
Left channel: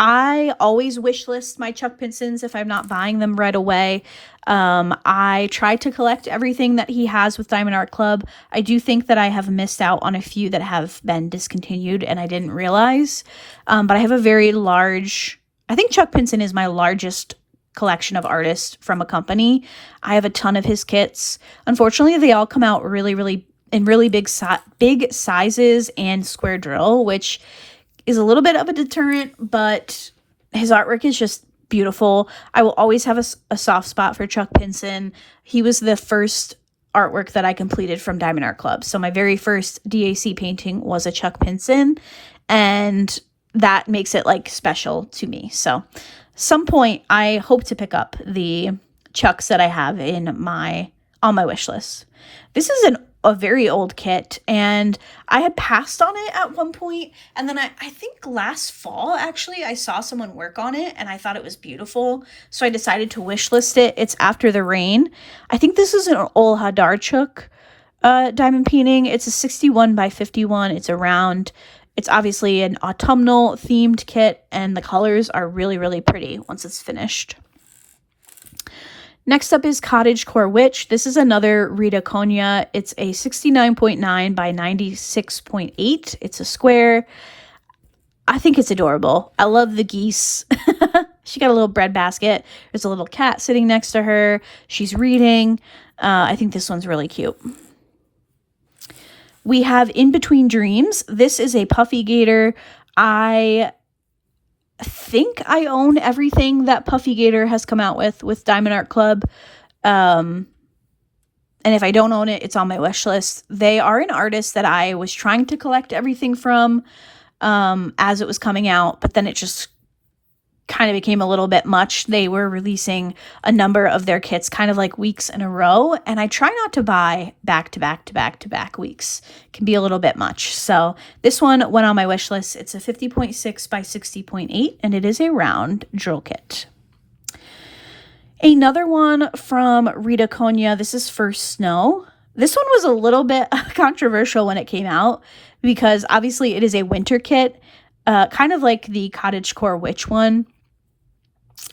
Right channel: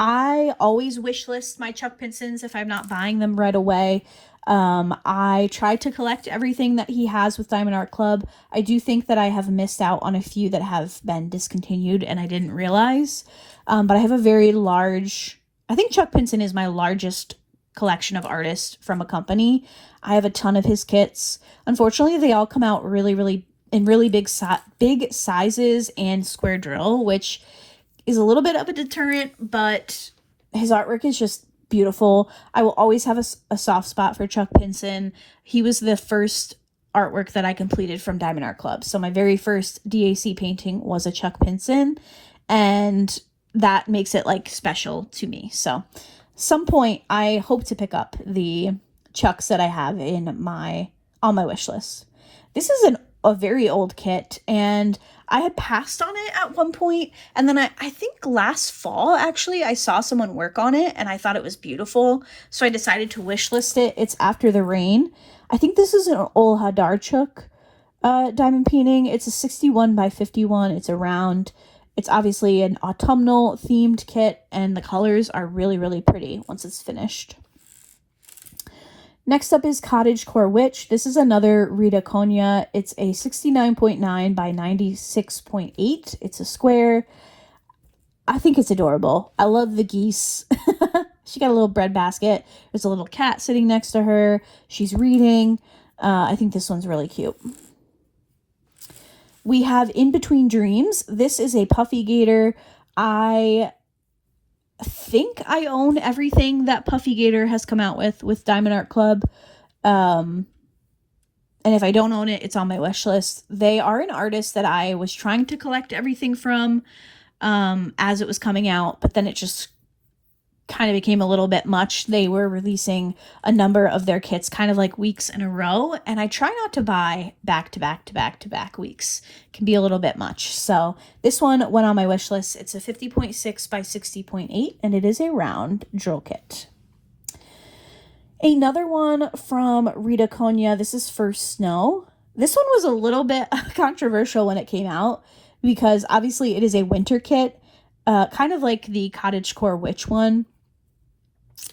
I always wish list my Chuck Pinsons if I'm not buying them right away. I try to collect everything that he has with Diamond Art Club. I do think that I have missed out on a few that have been discontinued and I didn't realize. But I have a very large, I think Chuck Pinson is my largest collection of artists from a company. I have a ton of his kits. Unfortunately, they all come out really in really big sizes and square drill, which is a little bit of a deterrent, but his artwork is just beautiful. I will always have a soft spot for Chuck Pinson. He was the first artwork that I completed from Diamond Art Club. So my very first DAC painting was a Chuck Pinson, and that makes it like special to me. So some point I hope to pick up the Chucks that I have on my wish list. This is a very old kit, and I had passed on it at one point, and then I think last fall actually I saw someone work on it and I thought it was beautiful, so I decided to wish list it. It's After the Rain. I think this is an Ol Hadarchuk diamond painting. It's a 61 by 51. It's a round. It's obviously an autumnal themed kit, and the colors are really pretty once it's finished. Next up is Cottagecore Witch. This is another Rita Konya. It's a 69.9 by 96.8. It's a square. I think it's adorable. I love the geese. She got a little bread basket. There's a little cat sitting next to her. She's reading. I think this one's really cute. We have In Between Dreams. This is a Puffy Gator. I think I own everything that Puffy Gator has come out with Diamond Art Club. And if I don't own it, it's on my wish list. They are an artist that I was trying to collect everything from as it was coming out, but then it just kind of became a little bit much. They were releasing a number of their kits kind of like weeks in a row, and I try not to buy back to back weeks. It can be a little bit much. So this one went on my wish list. It's a 50.6 by 60.8, and it is a round drill kit. Another one from Rita Konya. This is First Snow. This one was a little bit controversial when it came out because obviously it is a winter kit, kind of like the Cottagecore Witch one.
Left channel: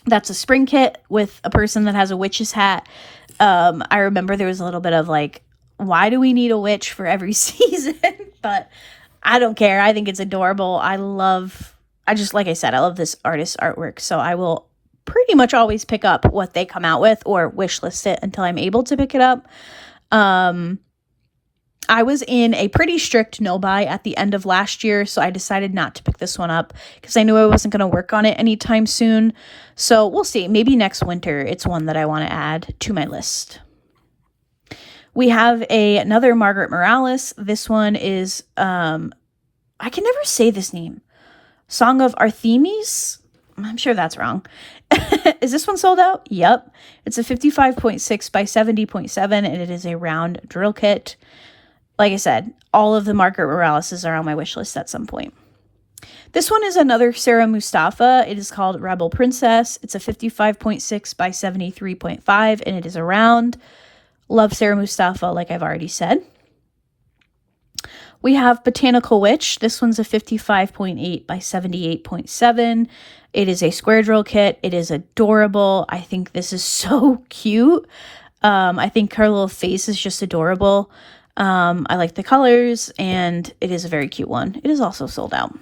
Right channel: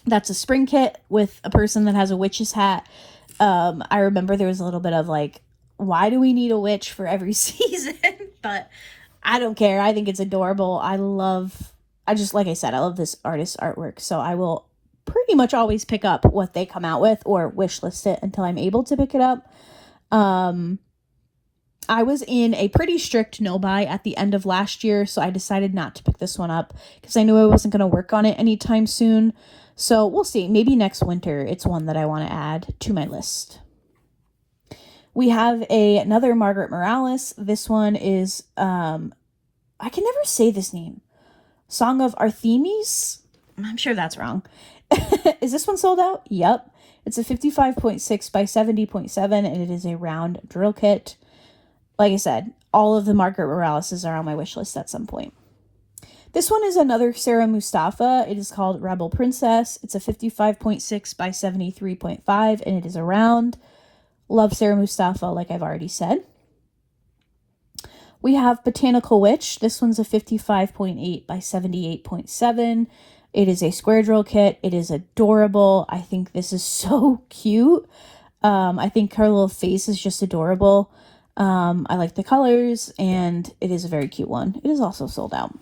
That's a spring kit with a person that has a witch's hat. I remember there was a little bit of like, why do we need a witch for every season? But I don't care. I think it's adorable. Like I said, I love this artist's artwork. So I will pretty much always pick up what they come out with or wish list it until I'm able to pick it up. I was in a pretty strict no buy at the end of last year, so I decided not to pick this one up because I knew I wasn't going to work on it anytime soon. So we'll see. Maybe next winter it's one that I want to add to my list. We have another Margaret Morales. This one is, I can never say this name. Song of Artemis? I'm sure that's wrong. Is this one sold out? Yep. It's a 55.6 by 70.7, and it is a round drill kit. Like I said, all of the Margaret Moraleses are on my wish list at some point. This one is another Sarah Mustafa. It is called Rebel Princess. It's a 55.6 by 73.5, and it is a round. Love Sarah Mustafa, like I've already said. We have Botanical Witch. This one's a 55.8 by 78.7. It is a square drill kit. It is adorable. I think this is so cute. I think her little face is just adorable. I like the colors, and it is a very cute one. It is also sold out.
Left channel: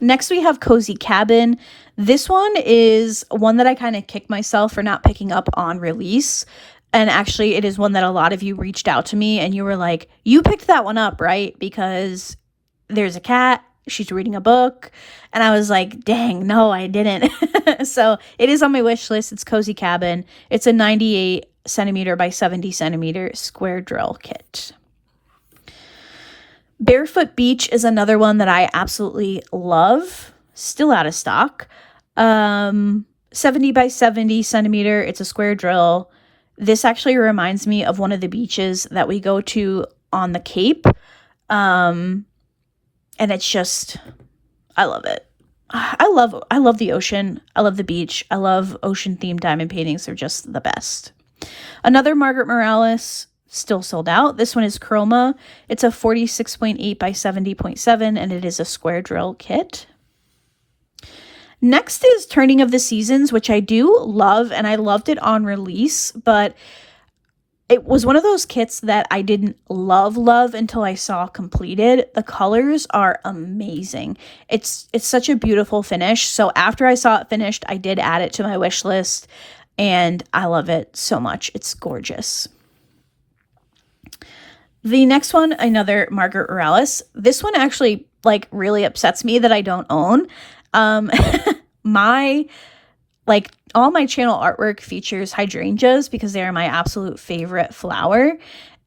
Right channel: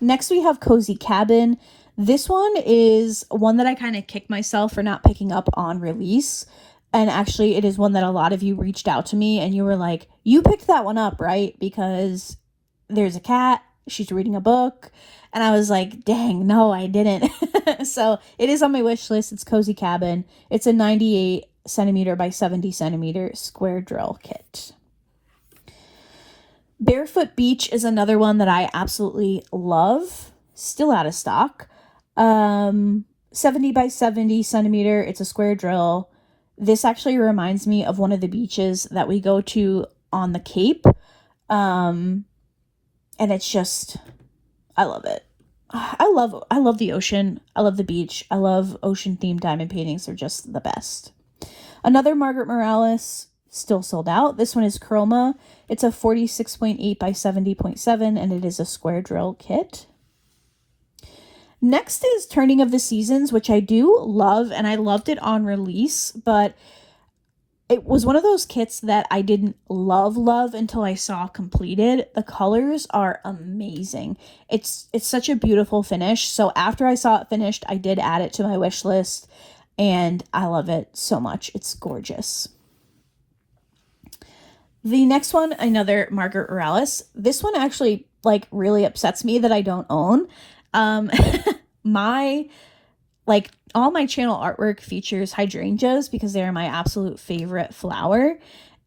Next, we have Cozy Cabin. This one is one that I kind of kick myself for not picking up on release. And actually, it is one that a lot of you reached out to me, and you were like, you picked that one up, right? Because there's a cat, she's reading a book. And I was like, dang, no, I didn't. So it is on my wish list. It's Cozy Cabin. It's a 98 centimeter by 70 centimeter square drill kit. Barefoot Beach is another one that I absolutely love. Still out of stock. 70 by 70 centimeter. It's a square drill. This actually reminds me of one of the beaches that we go to on the Cape. And it's just, I love it. I love the ocean. I love the beach. I love ocean themed diamond paintings. They're just the best. Another Margaret Morales, still sold out. This one is Chroma. It's a 46.8 by 70.7, and it is a square drill kit. Next is Turning of the Seasons, which I do love, and I loved it on release, but it was one of those kits that I didn't love until I saw completed. The colors are amazing. It's such a beautiful finish. So after I saw it finished, I did add it to my wish list, and I love it so much. It's gorgeous. The next one, another Margaret Morales. This one actually like really upsets me that I don't own. All my channel artwork features hydrangeas because they are my absolute favorite flower.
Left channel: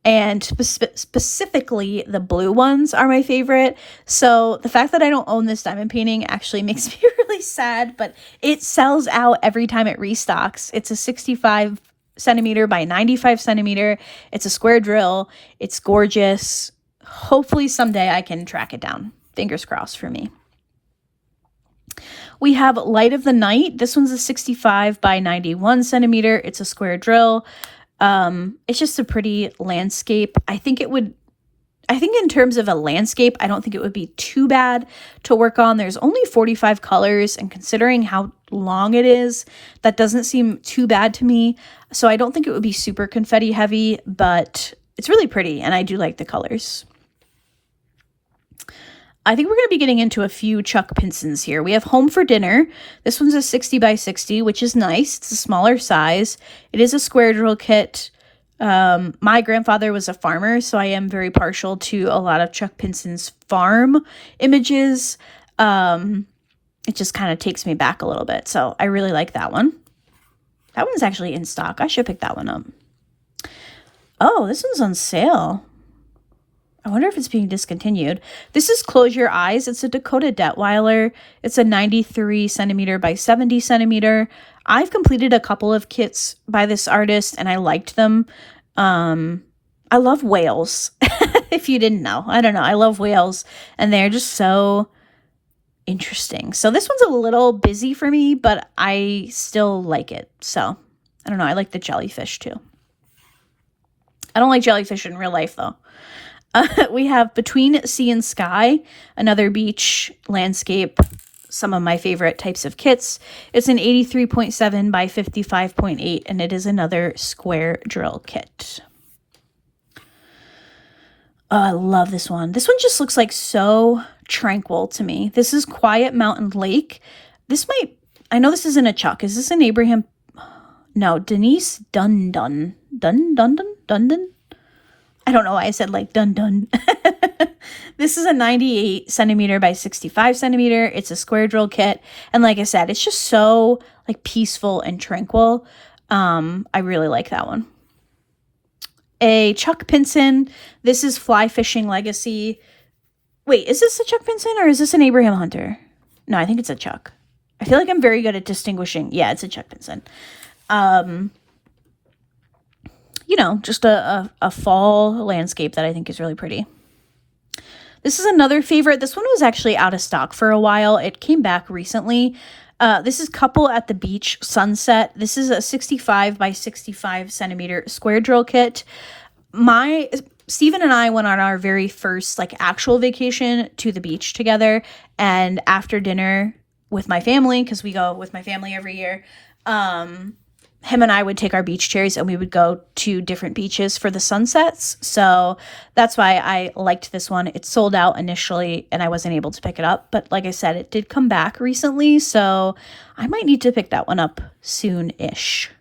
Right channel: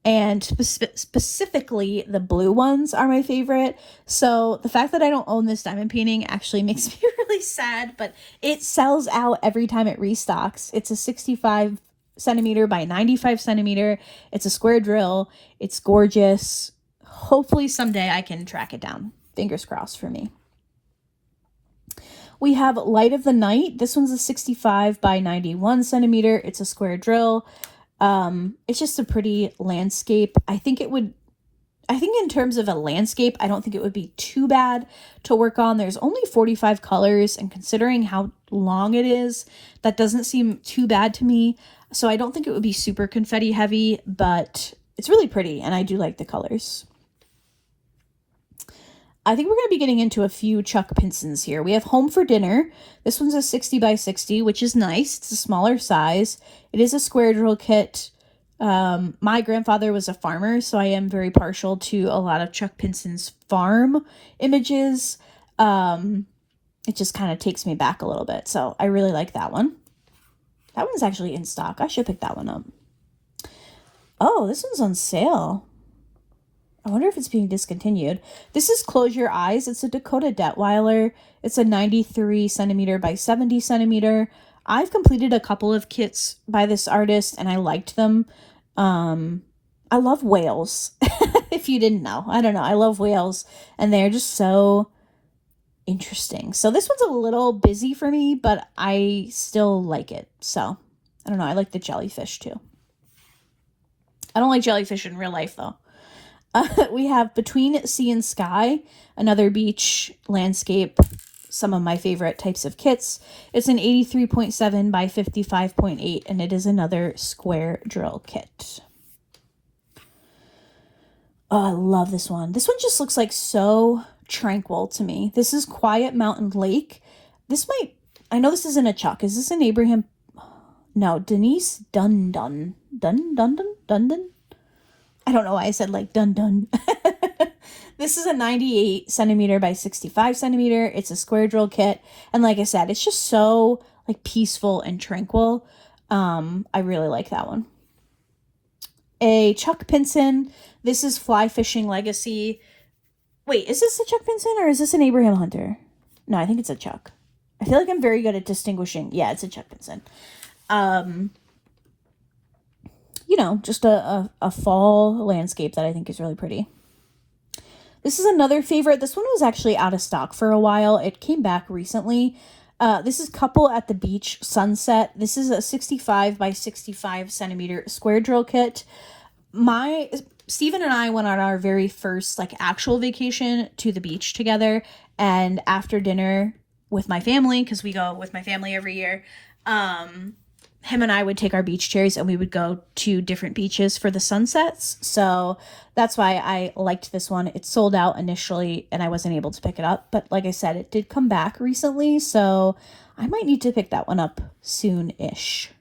And specifically the blue ones are my favorite. So the fact that I don't own this diamond painting actually makes me really sad, but it sells out every time it restocks. It's a 65 centimeter by 95 centimeter. It's a square drill. It's gorgeous. Hopefully someday I can track it down. Fingers crossed for me. We have Light of the Night. This one's a 65 by 91 centimeter. It's a square drill. It's just a pretty landscape. I think in terms of a landscape, I don't think it would be too bad to work on. There's only 45 colors, and considering how long it is, that doesn't seem too bad to me. So I don't think it would be super confetti heavy, but it's really pretty, and I do like the colors. I think we're going to be getting into a few Chuck Pinsons here. We have Home for Dinner. This one's a 60 by 60, which is nice. It's a smaller size. It is a square drill kit. My grandfather was a farmer, so I am very partial to a lot of Chuck Pinson's farm images. It just kind of takes me back a little bit, so I really like that one. That one's actually in stock. I should pick that one up. Oh, this one's on sale. I wonder if it's being discontinued. This is Close Your Eyes. It's a Dakota Detweiler. It's a 93 centimeter by 70 centimeter. I've completed a couple of kits by this artist, and I liked them. I love whales, if you didn't know. I don't know. I love whales, and they're just so interesting. So this one's a little busy for me, but I still like it. So, I don't know. I like the jellyfish, too. I don't like jellyfish in real life, though. We have Between Sea and Sky, another beach landscape, some of my favorite types of kits. It's an 83.7 by 55.8, and it is another square drill kit. Oh, I love this one. This one just looks like so tranquil to me. This is Quiet Mountain Lake. I know this isn't a Chuck. Is this an Abraham? No, Denise Dundon. Dundon? I don't know why I said like dun. This is a 98 centimeter by 65 centimeter. It's a square drill kit. And like I said, it's just so like peaceful and tranquil. I really like that one. A Chuck Pinson. This is Fly Fishing Legacy. Wait, is this a Chuck Pinson or is this an Abraham Hunter? No, I think it's a Chuck. I feel like I'm very good at distinguishing. Yeah, it's a Chuck Pinson. You know, just a fall landscape that I think is really pretty. This is another favorite. This one was actually out of stock for a while. It came back recently. This is Couple at the Beach Sunset. This is a 65 by 65 centimeter square drill kit. Steven and I went on our very first like actual vacation to the beach together, and after dinner with my family, because we go with my family every year, him and I would take our beach chairs and we would go to different beaches for the sunsets. So that's why I liked this one. It sold out initially and I wasn't able to pick it up. But like I said, it did come back recently. So I might need to pick that one up soon-ish.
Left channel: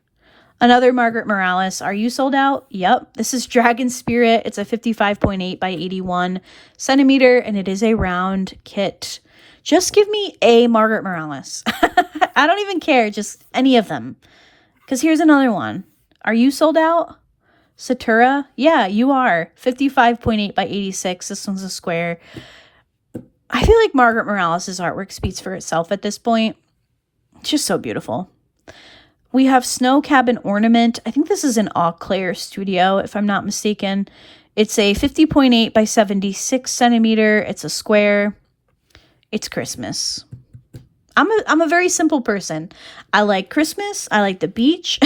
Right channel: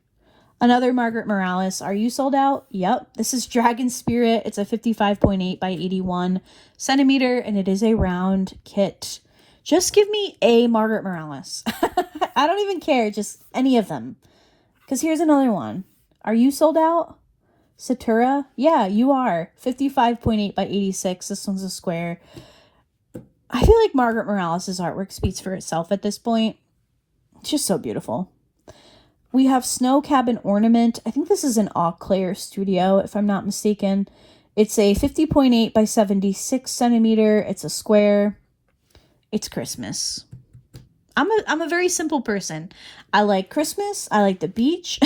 Another Margaret Morales. Are you sold out? Yep. This is Dragon Spirit. It's a 55.8 by 81 centimeter and it is a round kit. Just give me a Margaret Morales. I don't even care. Just any of them. Because here's another one. Are you sold out? Satura? Yeah, you are. 55.8 by 86. This one's a square. I feel like Margaret Morales' artwork speaks for itself at this point. It's just so beautiful. We have Snow Cabin Ornament. I think this is an Eau Claire studio, if I'm not mistaken. It's a 50.8 by 76 centimeter. It's a square. It's Christmas. I'm a very simple person. I like Christmas. I like the beach.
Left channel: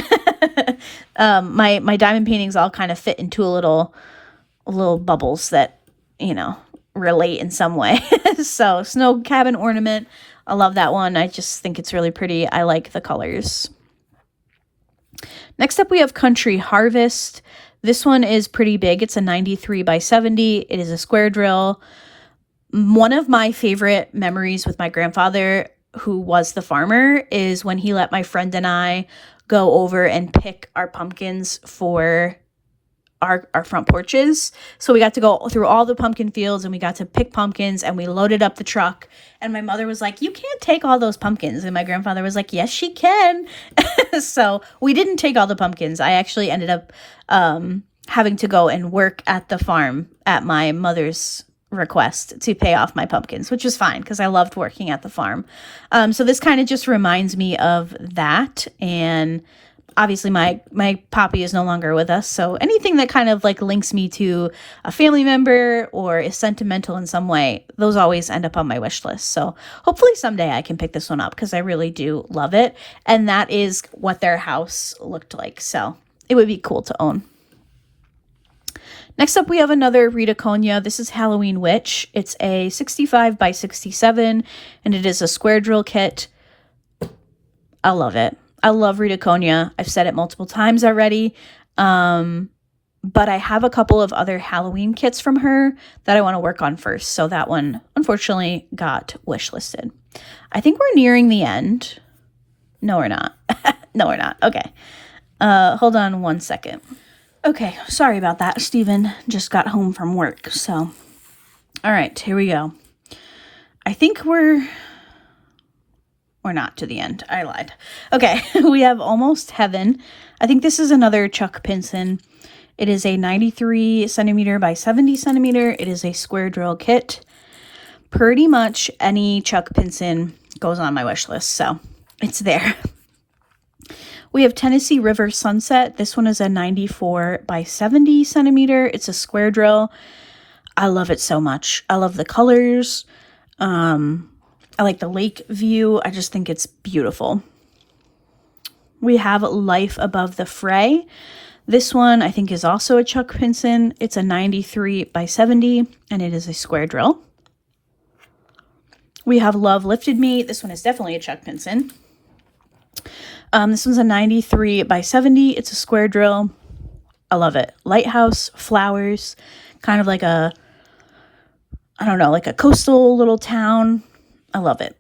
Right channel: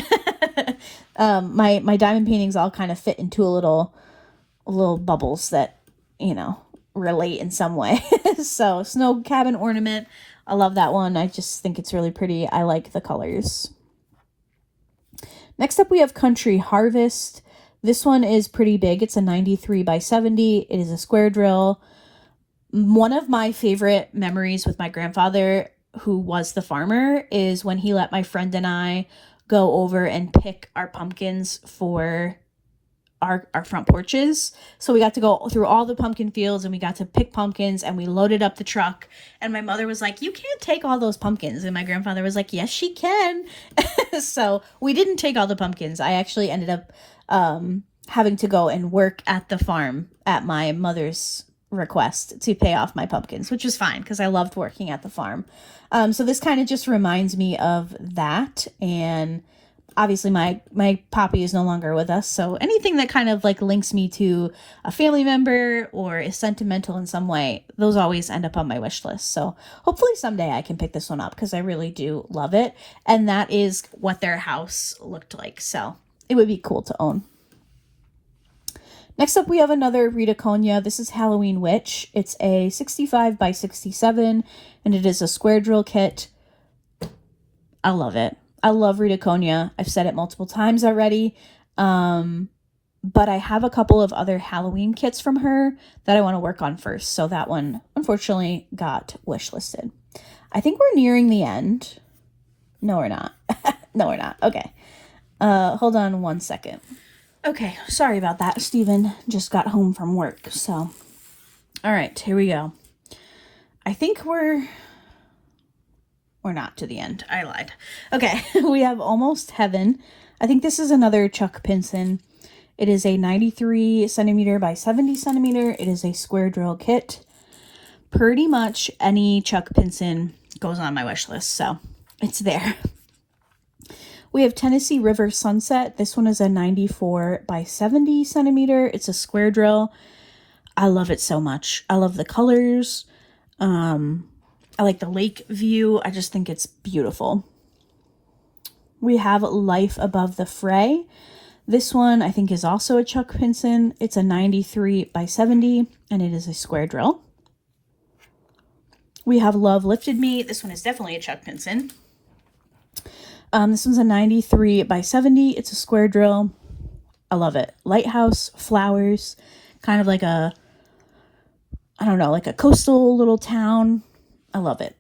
My diamond paintings all kind of fit into a little bubbles that, you know, relate in some way. So Snow Cabin Ornament. I love that one. I just think it's really pretty. I like the colors. Next up, we have Country Harvest. This one is pretty big. It's a 93 by 70. It is a square drill. One of my favorite memories with my grandfather, who was the farmer, is when he let my friend and I go over and pick our pumpkins for our front porches. So we got to go through all the pumpkin fields and we got to pick pumpkins and we loaded up the truck. And my mother was like, you can't take all those pumpkins. And my grandfather was like, yes, she can. So we didn't take all the pumpkins. I actually ended up having to go and work at the farm at my mother's request to pay off my pumpkins, which is fine because I loved working at the farm. So this kind of just reminds me of that. And obviously my poppy is no longer with us, so anything that kind of like links me to a family member or is sentimental in some way, those always end up on my wish list. So hopefully someday I can pick this one up because I really do love it. And that is what their house looked like, so it would be cool to own. Next up, we have another Rita Konya. This is Halloween Witch. It's a 65 by 67, and it is a square drill kit. I love it. I love Rita Konya. I've said it multiple times already. But I have a couple of other Halloween kits from her that I want to work on first. So that one, unfortunately, got wish listed. I think we're nearing the end. No, we're not. No, we're not. Okay. Hold on one second. Okay, sorry about that. Steven just got home from work, so. All right, here we go. I think we're not to the end. I lied. Okay, we have Almost Heaven. I think this is another Chuck Pinson. It is a 93 centimeter by 70 centimeter. It is a square drill kit. Pretty much any Chuck Pinson goes on my wish list, so it's there. We have Tennessee River Sunset. This one is a 94 by 70 centimeter. It's a square drill. I love it so much. I love the colors. I like the lake view. I just think it's beautiful. We have Life Above the Fray. This one I think is also a Chuck Pinson. It's a 93 by 70 and it is a square drill. We have Love Lifted Me. This one is definitely a Chuck Pinson. This one's a 93 by 70. It's a square drill. I love it. Lighthouse, flowers, kind of like a, I don't know, like a coastal little town. I love it.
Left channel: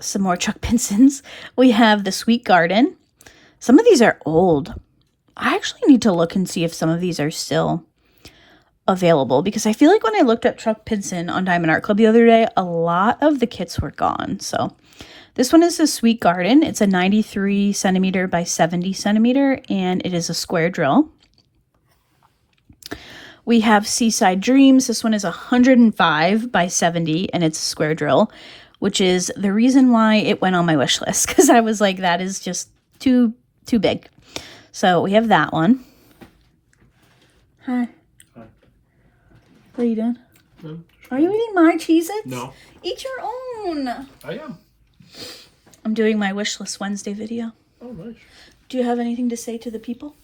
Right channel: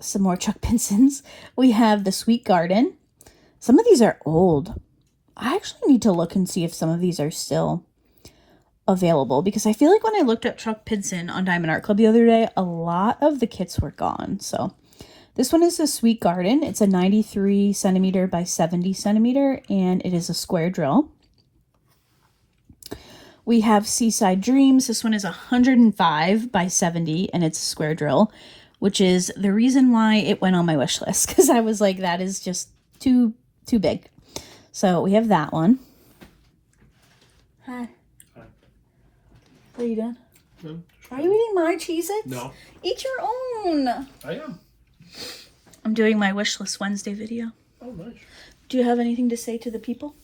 Some more Chuck Pinsons. We have The Sweet Garden. Some of these are old. I actually need to look and see if some of these are still available because I feel like when I looked up Chuck Pinson on Diamond Art Club the other day, a lot of the kits were gone. So this one is a Sweet Garden. It's a 93 centimeter by 70 centimeter, and it is a square drill. We have Seaside Dreams. This one is 105 by 70, and it's a square drill, which is the reason why it went on my wish list, because I was like, that is just too big. So we have that one. Hi. Hi. What are you doing? No. Are you eating my Cheez-Its? No. Eat your own. I am. I'm doing my Wishlist Wednesday video. Oh, nice. Do you have anything to say to the people?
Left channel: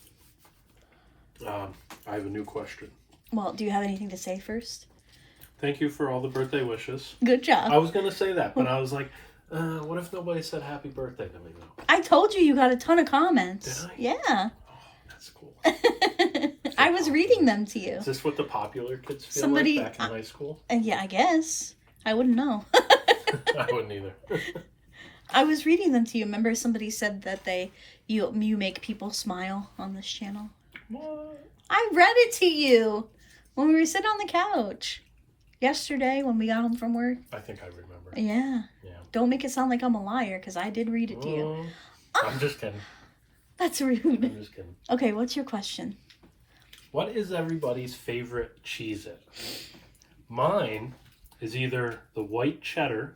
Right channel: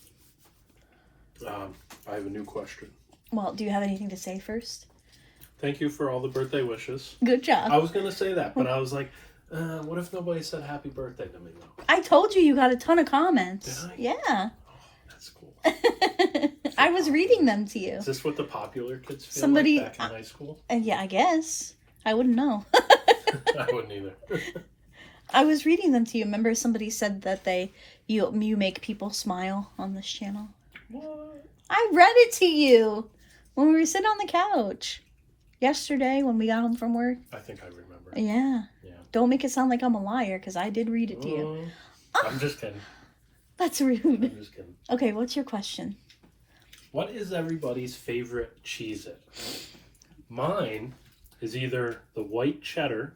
I have a new question. Well, do you have anything to say first? Thank you for all the birthday wishes. Good job. I was going to say that, but I was like, what if nobody said happy birthday to me though? I told you got a ton of comments. Did I? Yeah. Oh, that's cool. I was reading them to you. Is this what the popular kids feel Somebody, like back in high school? Yeah, I guess. I wouldn't know. I wouldn't either. I was reading them to you. Remember somebody said that you make people smile on this channel? What? I read it to you when we were sitting on the couch yesterday when we got home from work. I think I remember. Yeah. Don't make it sound like I'm a liar because I did read it to you. I'm just kidding. That's rude. I'm just kidding. Okay, what's your question? What is everybody's favorite Cheez-It? Mine is either the white cheddar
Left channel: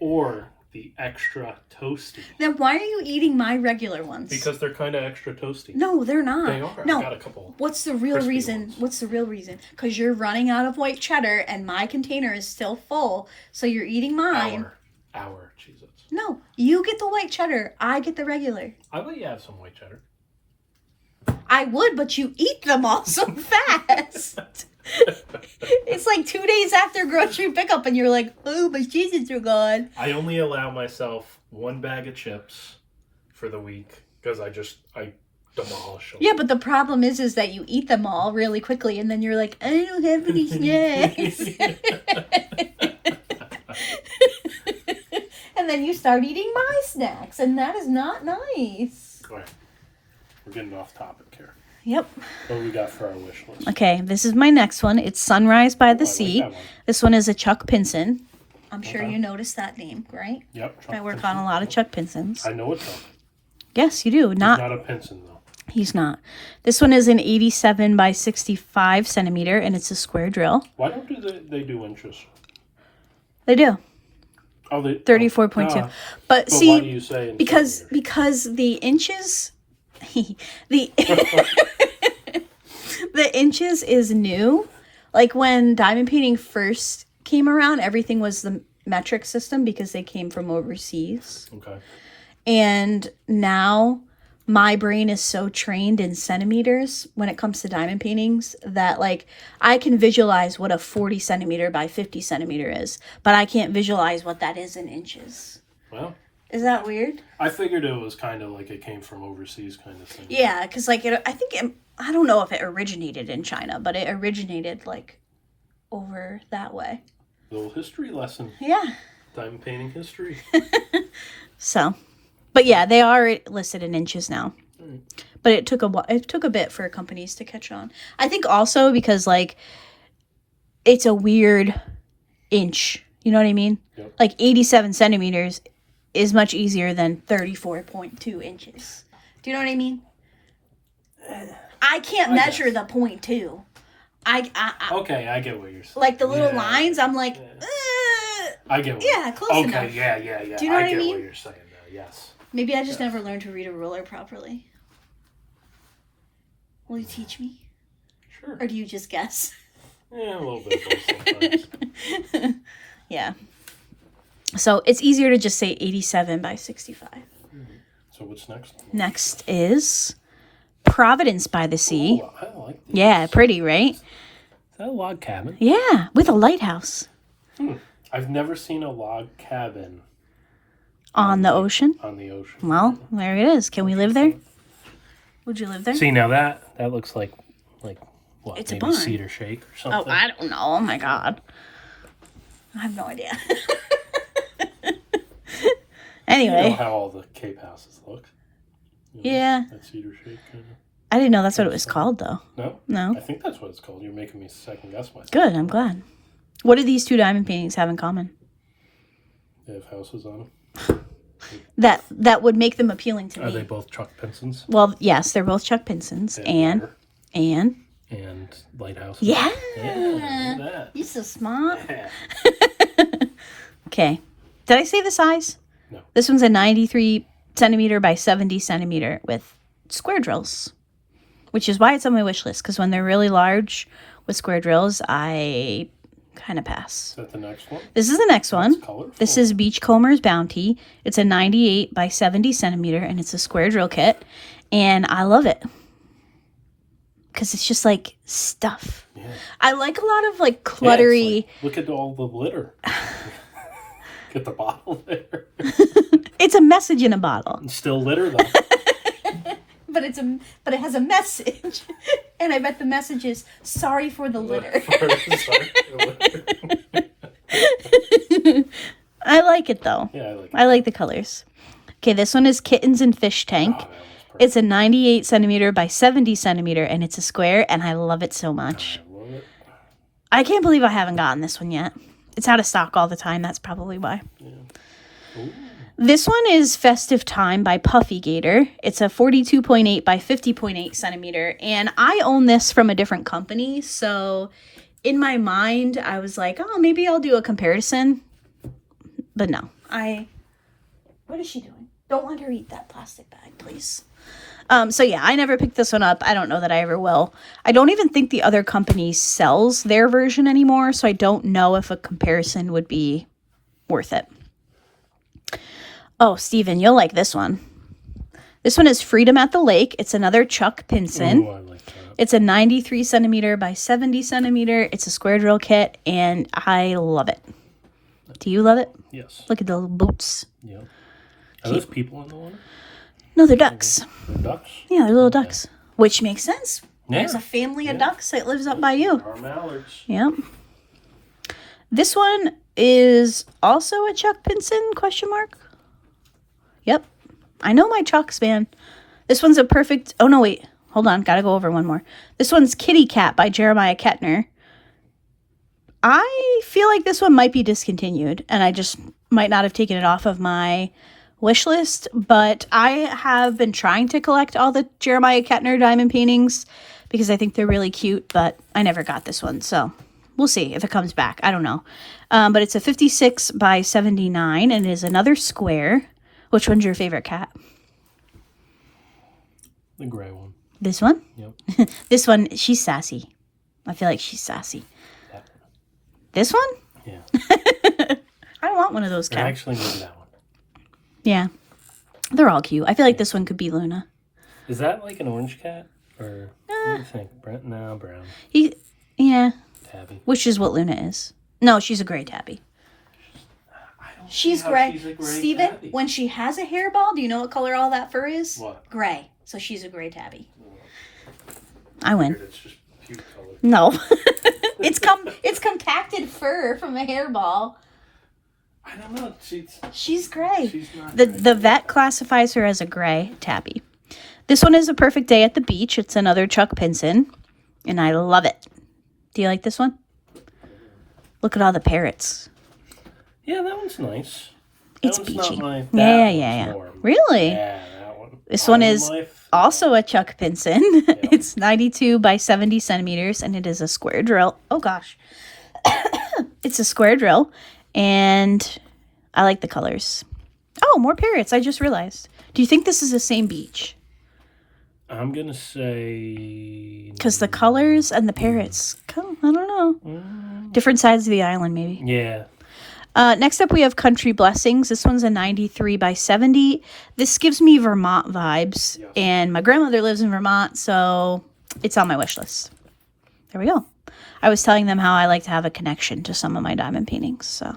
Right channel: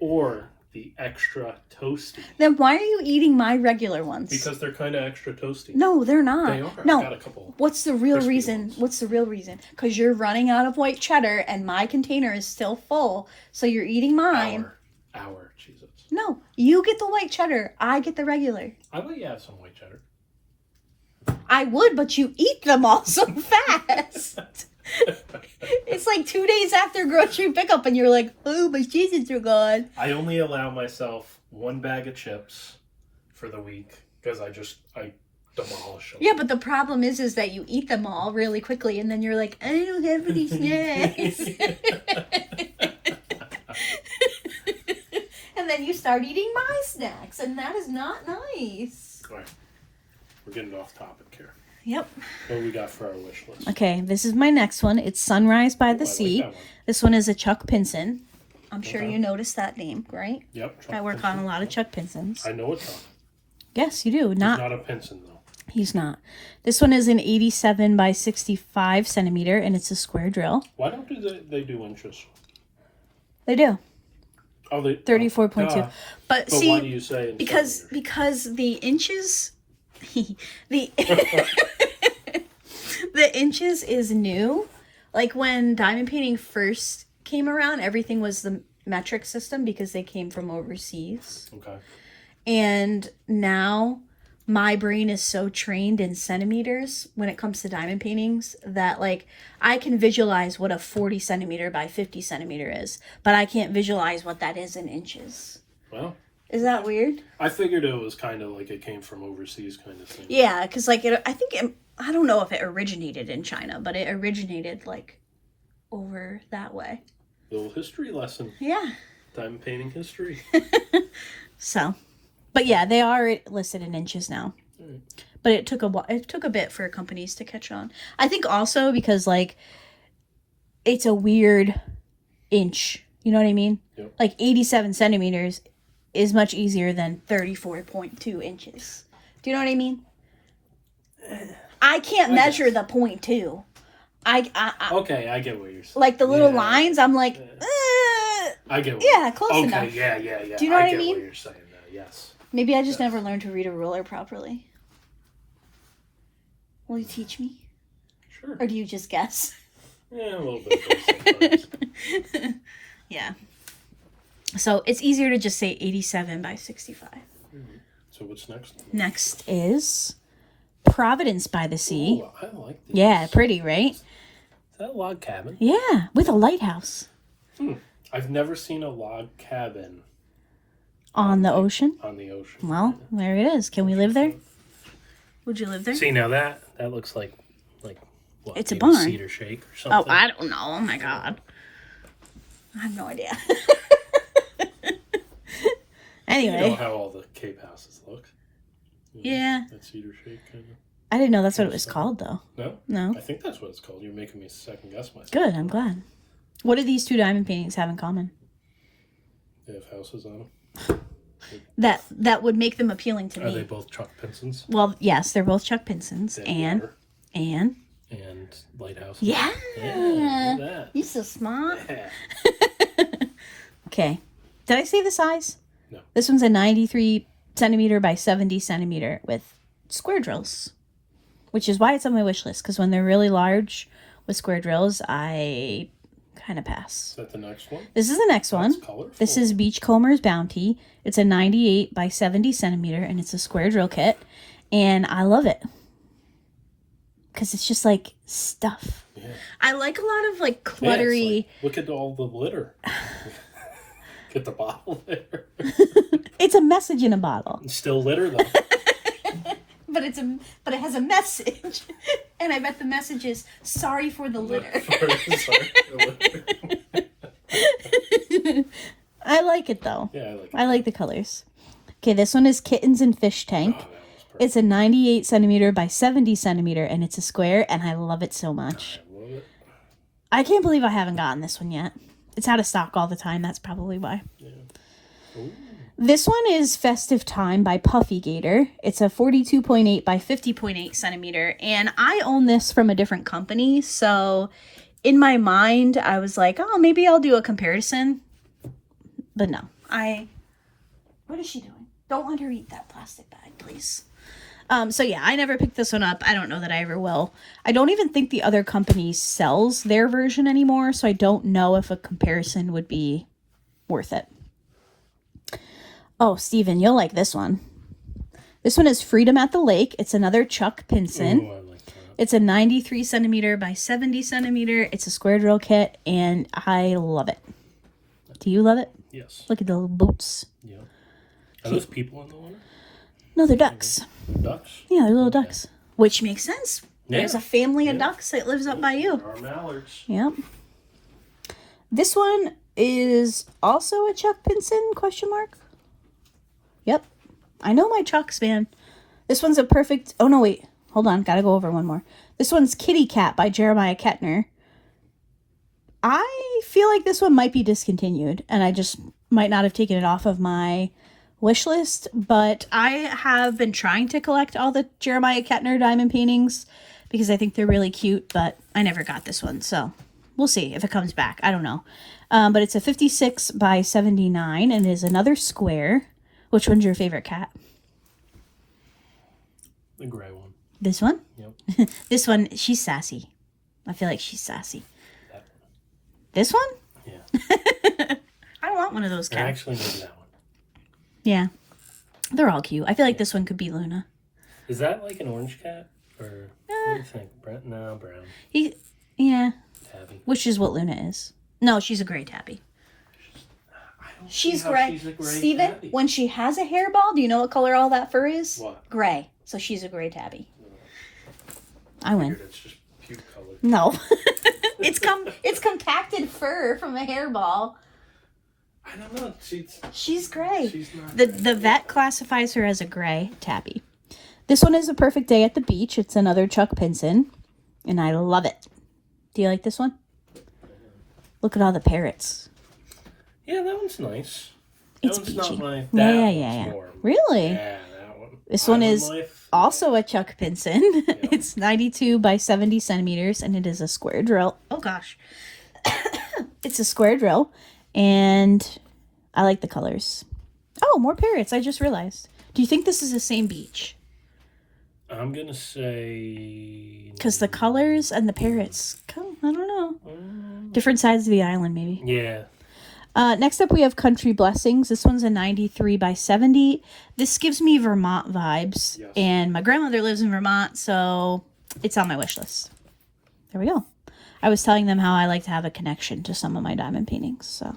or the extra toasty. Then why are you eating my regular ones? Because they're kind of extra toasty. No, they're not. They are. No. I got a couple. What's the real reason? Ones. What's the real reason? Because you're running out of white cheddar and my container is still full, so you're eating mine. Our Cheez-Its. No, you get the white cheddar. I get the regular. I let you have some white cheddar. I would, but you eat them all so fast. It's like 2 days after grocery pickup and you're like, oh, my cheeses are gone. I only allow myself 1 bag of chips for the week because I demolish them. Yeah, but the problem is that you eat them all really quickly and then you're like, I don't have any snacks. And then you start eating my snacks, and that is not nice. All right. We're getting off topic here. Yep. What do we got for our wish list? Okay, this is my next one. It's Sunrise by the Sea. Like that one. This one is a Chuck Pinson. I'm sure you noticed that name, right? Yep. I work on a lot of Chuck Pinsons. I know it's not. Yes, you do. He's not a Pinson, though. He's not. This one is an 87 by 65 centimeter, and it's a square drill. Why don't they do inches? They do. Oh, they 34.2. But see, see, why do you say in because the inches, the the inches is new. Like when diamond painting first came around, everything was the metric system because they came from overseas. Okay. And now my brain is so trained in centimeters when it comes to diamond paintings that like I can visualize what a 40 centimeter by 50 centimeter is, but I can't visualize what that is in inches. Well, is that weird? I figured it was kind of like it came from overseas kind of thing. Yeah, because like I don't know if it originated in China, but it originated like over that way. Little history lesson. Yeah. Diamond painting history. So. But yeah, they are listed in inches now. Right. But it took a bit for companies to catch on. I think also because like it's a weird inch. You know what I mean? Yep. Like 87 centimeters is much easier than 34.2 inches. Do you know what I mean? I can't measure the 0.2. Okay, I get what you're saying. Like the little lines, I'm like, I get what close enough. Okay, yeah. Do you know what I get mean? what you're saying now, yes. Maybe I just never learned to read a ruler properly. Will you teach me? Sure. Or do you just guess? Yeah, a little bit sometimes. Yeah. So it's easier to just say 87 by 65. Mm-hmm. So what's next? Next is Providence by the Sea. Ooh, I like this. Yeah, pretty, right? Is that a log cabin? Yeah, with a lighthouse. I've never seen a log cabin On the ocean? on the ocean. Well, there it is. Can we live there? Would you live there? See, now that looks like what? It's a maybe barn. Cedar Shake or Oh, something. I don't know. Oh my God. I have no idea. Anyway. You know how all the Cape houses look. You know, Yeah. That Cedar Shake kind of. I didn't know that's what it was called, though. No? No. I think that's what it's called. You're making me second guess myself. Good, I'm glad. What do these two diamond paintings have in common? They have houses on them. That would make them appealing to Are me. they both Chuck Pinsons? Well, yes, they're both Chuck Pinsons. They have water And and lighthouses. yeah. Look at that. You're so smart. Yeah. Okay. Did I say the size? No. This one's a 93 centimeter by 70 centimeter with square drills, which is why it's on my wish list, because when they're really large with square drills, I kind of pass. Is that the next one? This is the next one. That's colorful. This is Beachcomber's Bounty. It's a 98 by 70 centimeter, and it's a square drill kit, and I love it because it's just like stuff. Yeah. I like a lot of like Yeah, cluttery. it's like, look at all the glitter. Get the bottle there. It's a message in a bottle. It's still litter though. But it has a message, and I bet the message is sorry for the litter. I like it though. Yeah, I like it. I like the colors. Okay, this one is Kittens and Fish Tank. Oh, that one's perfect. It's a 98 centimeter by 70 centimeter, and it's a square, and I love it so much. I love it. I can't believe I haven't gotten this one yet. It's out of stock all the time. That's probably why. Yeah. Ooh. This one is Festive Time by Puffy Gator. It's a 42.8 by 50.8 centimeter, and I own this from a different company, so in my mind, I was like, oh, maybe I'll do a comparison. But no. What is she doing? Don't let her eat that plastic bag, please. So yeah, I never picked this one up. I don't know that I ever will. I don't even think the other company sells their version anymore, so I don't know if a comparison would be worth it. Oh, Steven, you'll like this one. This one is Freedom at the Lake. It's another Chuck Pinson. Ooh, I like that. It's a 93 centimeter by 70 centimeter. It's a square drill kit, and I love it. Do you love it? Yes. Look at the little boots. Yeah. Are those people in the water? No, they're ducks. They're ducks? Yeah, they're little ducks. Which makes sense. Yeah. There's a family of ducks that lives up by you. Our mallards. Yep. This one is also a Chuck Pinson, question mark? Yep. I know my Chucks, man. This one's a perfect... Oh, no, wait. Hold on. Gotta go over one more. This one's Kitty Cat by Jeremiah Kettner. I feel like this one might be discontinued, and I just might not have taken it off of my wish list, but I have been trying to collect all the Jeremiah Kettner diamond paintings because I think they're really cute, but I never got this one, so we'll see if it comes back. I don't know. But it's a 56 by 79, and it is another square. Which one's your favorite cat? The gray one. This one? Yep. This one, she's sassy. I feel like she's sassy. This one? Yeah. I want one of those cats. Actually, maybe that one. Yeah. They're all cute. I feel like this one could be Luna. Is that like an orange cat? Or what do you think? No, brown. Yeah. Tabby. Which is what Luna is. No, she's a gray tabby. She's gray. Steven, when she has a hairball, do you know what color all that fur is? What? Gray. So she's a gray tabby. I win. It's just puke color. No. It's compacted fur from a hairball. I don't know. She's gray. She's not The vet classifies her as a gray tabby. This one is A Perfect Day at the Beach. It's another Chuck Pinson, and I love it. Do you like this one? Look at all the parrots. Yeah, that one's nice. It's that one's beachy. Not my, Yeah. Really? Yeah, that one. This one is also a Chuck Pinson. Yeah. It's 92 by 70 centimeters, and it is a square drill. Oh, gosh. It's a square drill, and I like the colors. Oh, more parrots. I just realized. Do you think this is the same beach? I'm going to say... Because the colors and the parrots, I don't know. Different sides of the island, maybe. Yeah. Next up, we have Country Blessings. This one's a 93 by 70. This gives me Vermont vibes, yes. And my grandmother lives in Vermont, so it's on my wish list. There we go. I was telling them how I like to have a connection to some of my diamond paintings, so.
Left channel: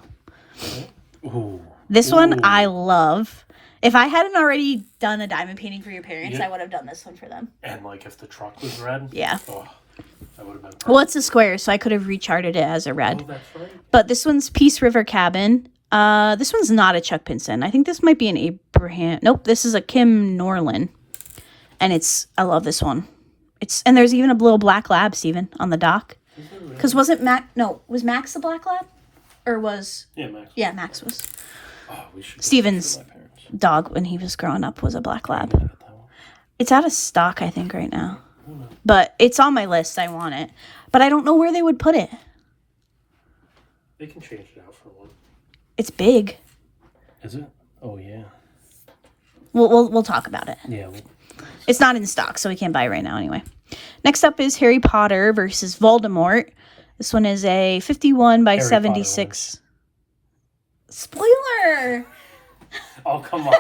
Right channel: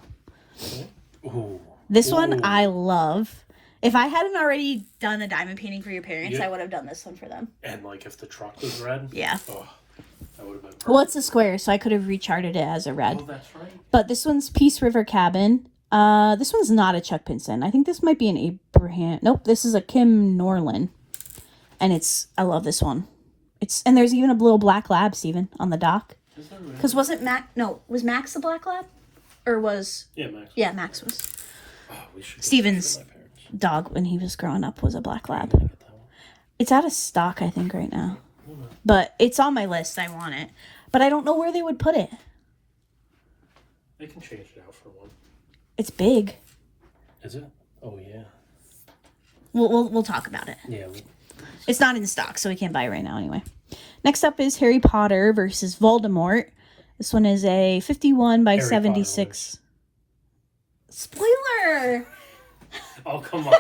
Ooh. This one I love. If I hadn't already done a diamond painting for your parents, I would have done this one for them. And like if the truck was red? Yeah. Oh, that would have been perfect. Well, it's a square, so I could have recharted it as a red. Oh, that's right. But this one's Peace River Cabin. This one's not a Chuck Pinson. I think this might be an Abraham. Nope, this is a Kim Norlin. And I love this one. And there's even a little black lab, Steven, on the dock. Because was Max the black lab? Or was... Yeah, Max. Yeah, Max was. Oh, we should Steven's dog when he was growing up was a black lab. It's out of stock, I think, right now. But it's on my list. I want it. But I don't know where they would put it. They can change it out for one. It's big. Is it? Oh, yeah. We'll talk about it. Yeah. It's not in stock, so we can't buy it right now anyway. Next up is Harry Potter versus Voldemort. This one is a 51 by 76. Spoiler! Oh, come on.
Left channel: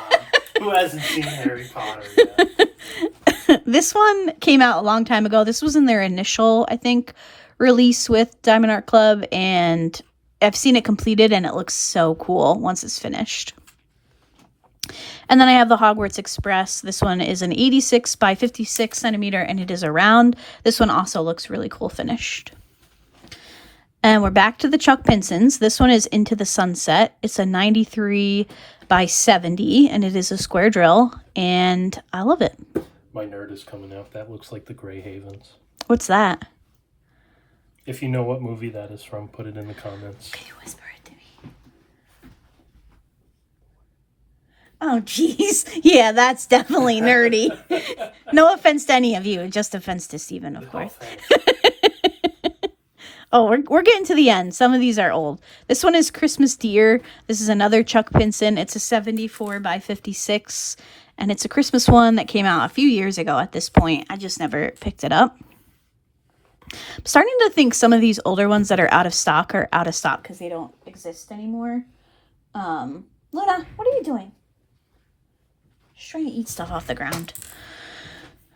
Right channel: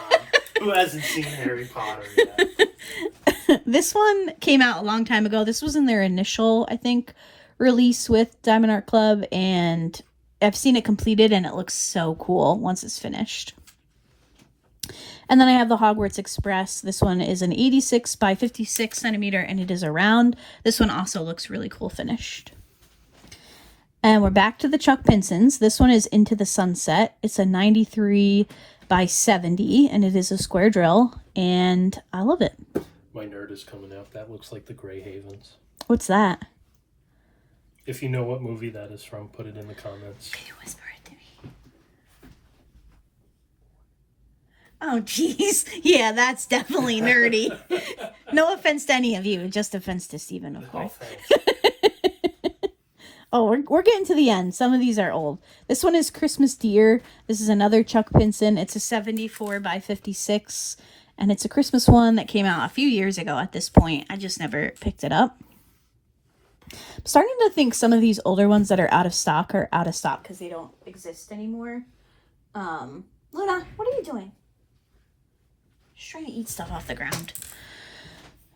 Who hasn't seen Harry Potter yet? This one came out a long time ago. This was in their initial, I think, release with diamondartclub, and I've seen it completed, and it looks so cool once it's finished. And then I have the Hogwarts Express. This one is an 86 by 56 centimeter, and it is a round. This one also looks really cool finished. And we're back to the Chuck Pinsons. This one is Into the Sunset. It's a 93 by 70, and it is a square drill, and I love it. My nerd is coming out. That looks like the Grey Havens. What's that? If you know what movie that is from, put it in the comments. Can you whisper it to me? Oh, jeez. Yeah, that's definitely nerdy. No offense to any of you, just offense to Steven, of course. Oh, we're getting to the end. Some of these are old. This one is Christmas Deer. This is another Chuck Pinson. It's a 74 by 56, and it's a Christmas one that came out a few years ago at this point. I just never picked it up. I'm starting to think some of these older ones that are out of stock are out of stock because they don't exist anymore. Luna, what are you doing? Just trying to eat stuff off the ground.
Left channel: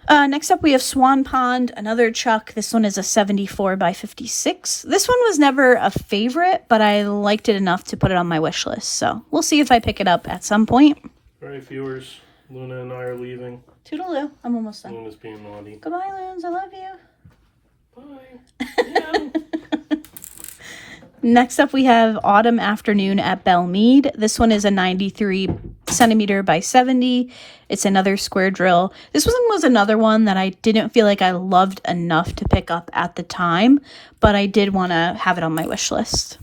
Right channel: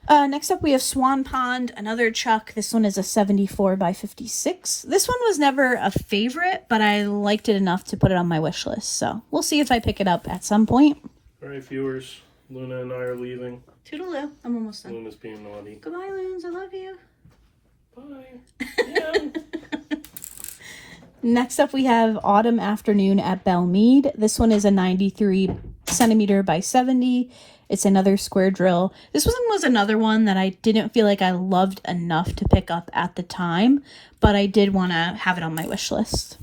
Next up we have Swan Pond, another Chuck. This one is a 74 by 56. This one was never a favorite, but I liked it enough to put it on my wish list. So we'll see if I pick it up at some point. All right, viewers. Luna and I are leaving. Toodaloo. I'm almost done. Luna's being naughty. Goodbye, Lunes. I love you. Bye. Yeah. Next up, we have Autumn Afternoon at Belmead. This one is a 93 centimeter by 70. It's another square drill. This one was another one that I didn't feel like I loved enough to pick up at the time, but I did want to have it on my wish list.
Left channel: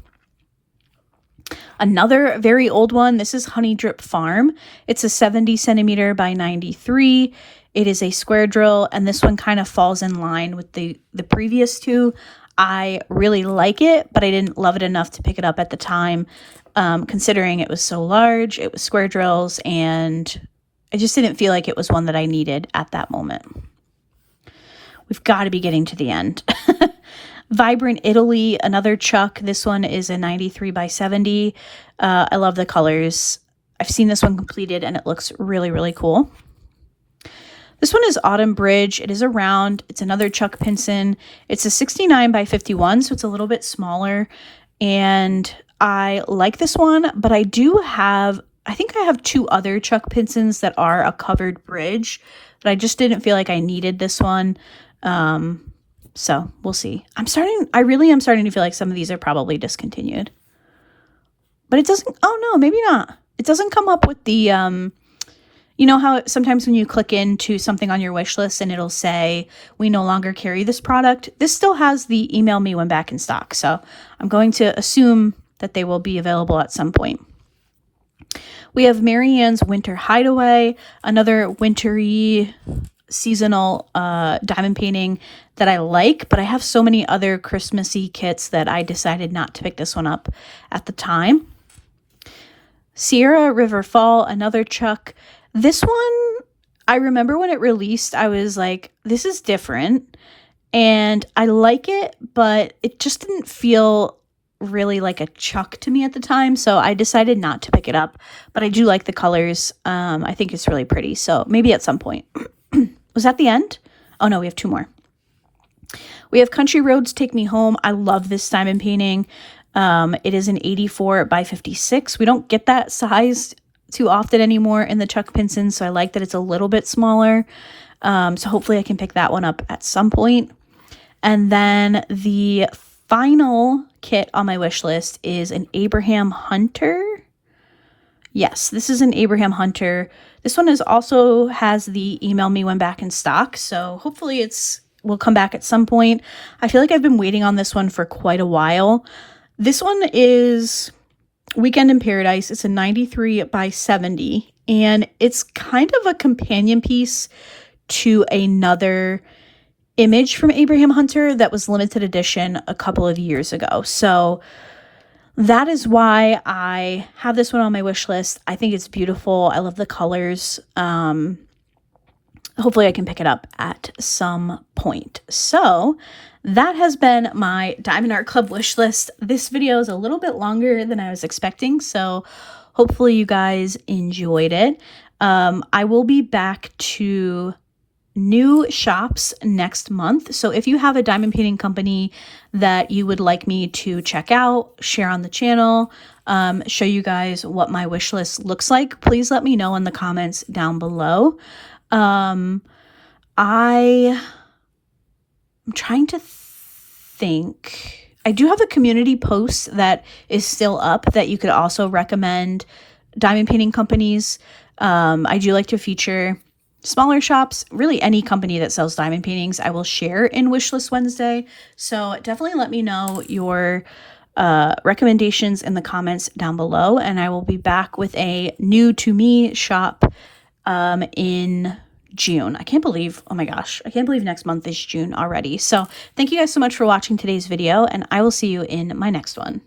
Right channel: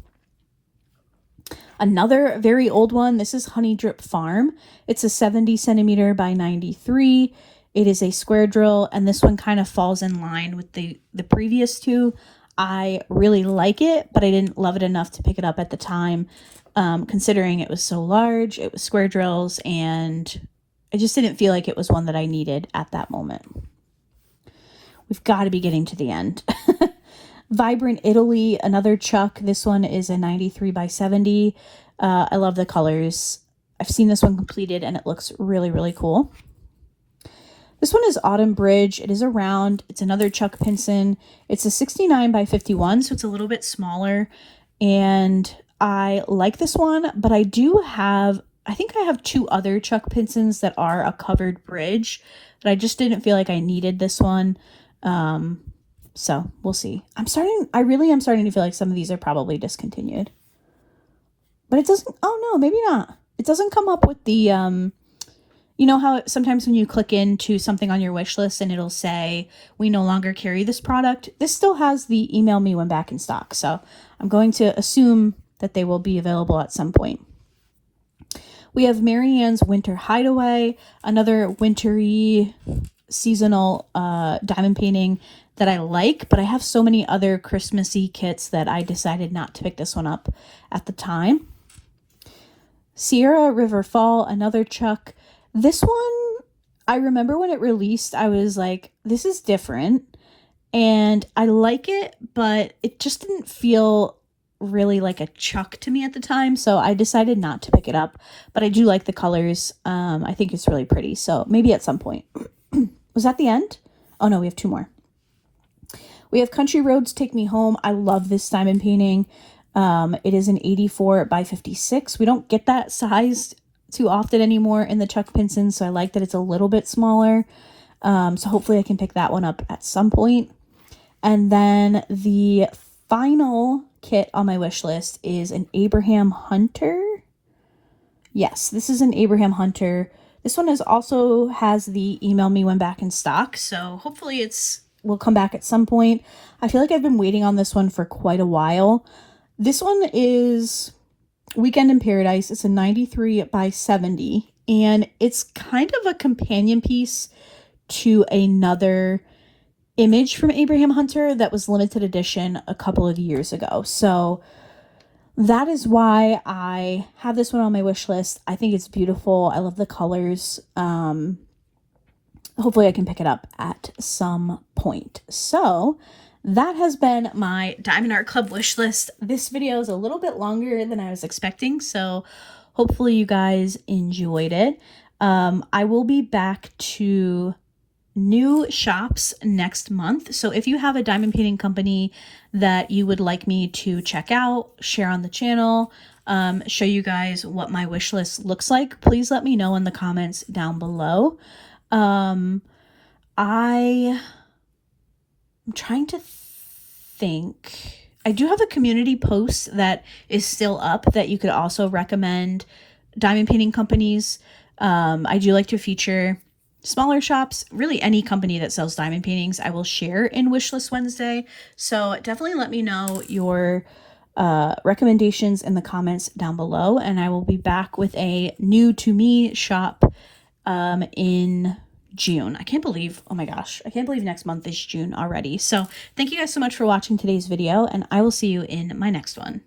Another very old one. This is Honey Drip Farm. It's a 70 centimeter by 93. It is a square drill, and this one kind of falls in line with the previous two. I really like it, but I didn't love it enough to pick it up at the time, considering it was so large. It was square drills, and I just didn't feel like it was one that I needed at that moment. We've got to be getting to the end. Vibrant Italy, another Chuck. This one is a 93 by 70. I love the colors. I've seen this one completed, and it looks really, really cool. This one is Autumn Bridge. It is a round. It's another Chuck Pinson. It's a 69 by 51, so it's a little bit smaller. And I like this one, but I think I have two other Chuck Pinsons that are a covered bridge, but I just didn't feel like I needed this one. So we'll see. I really am starting to feel like some of these are probably discontinued. But it doesn't, oh no, maybe not. It doesn't come up with the, you know how sometimes when you click into something on your wish list and it'll say, we no longer carry this product. This still has the email me when back in stock. So I'm going to assume that they will be available at some point. We have Marianne's Winter Hideaway, another wintry seasonal diamond painting that I like, but I have so many other Christmassy kits that I decided not to pick this one up at the time. Sierra River Fall, another Chuck. This one, I remember when it released, I was like, this is different, and I like it, but it just didn't feel really like a Chuck to me at the time, so I decided not to pick it up, but I do like the colors. I think it's really pretty, so maybe at some point. Was that the end? Oh no, we have two more. We have Country Roads Take Me Home. I love this diamond painting. It is an 84 by 56. We don't get that size too often anymore in the Chuck Pinson, so I like that it's a little bit smaller. So hopefully I can pick that one up at some point. And then the final kit on my wish list is an Abraham Hunter. Yes, this is an Abraham Hunter. This one also has the email me when back in stock, so hopefully will come back at some point. I feel like I've been waiting on this one for quite a while. This one is Weekend in Paradise. It's a 93 by 70, and it's kind of a companion piece to another image from Abraham Hunter that was limited edition a couple of years ago. So that is why I have this one on my wish list. I think it's beautiful. I love the colors. Hopefully I can pick it up at some point. So that has been my Diamond Art Club wish list. This video is a little bit longer than I was expecting, so hopefully you guys enjoyed it. I will be back to new shops next month. So if you have a diamond painting company that you would like me to check out, share on the channel, show you guys what my wish list looks like, please let me know in the comments down below. I'm trying to think. I do have a community post that is still up that you could also recommend diamond painting companies. I do like to feature smaller shops, really any company that sells diamond paintings I will share in Wishlist Wednesday. So definitely let me know your recommendations in the comments down below, and I will be back with a new to me shop in June. I can't believe, oh my gosh, I can't believe next month is June already. So thank you guys so much for watching today's video, and I will see you in my next one.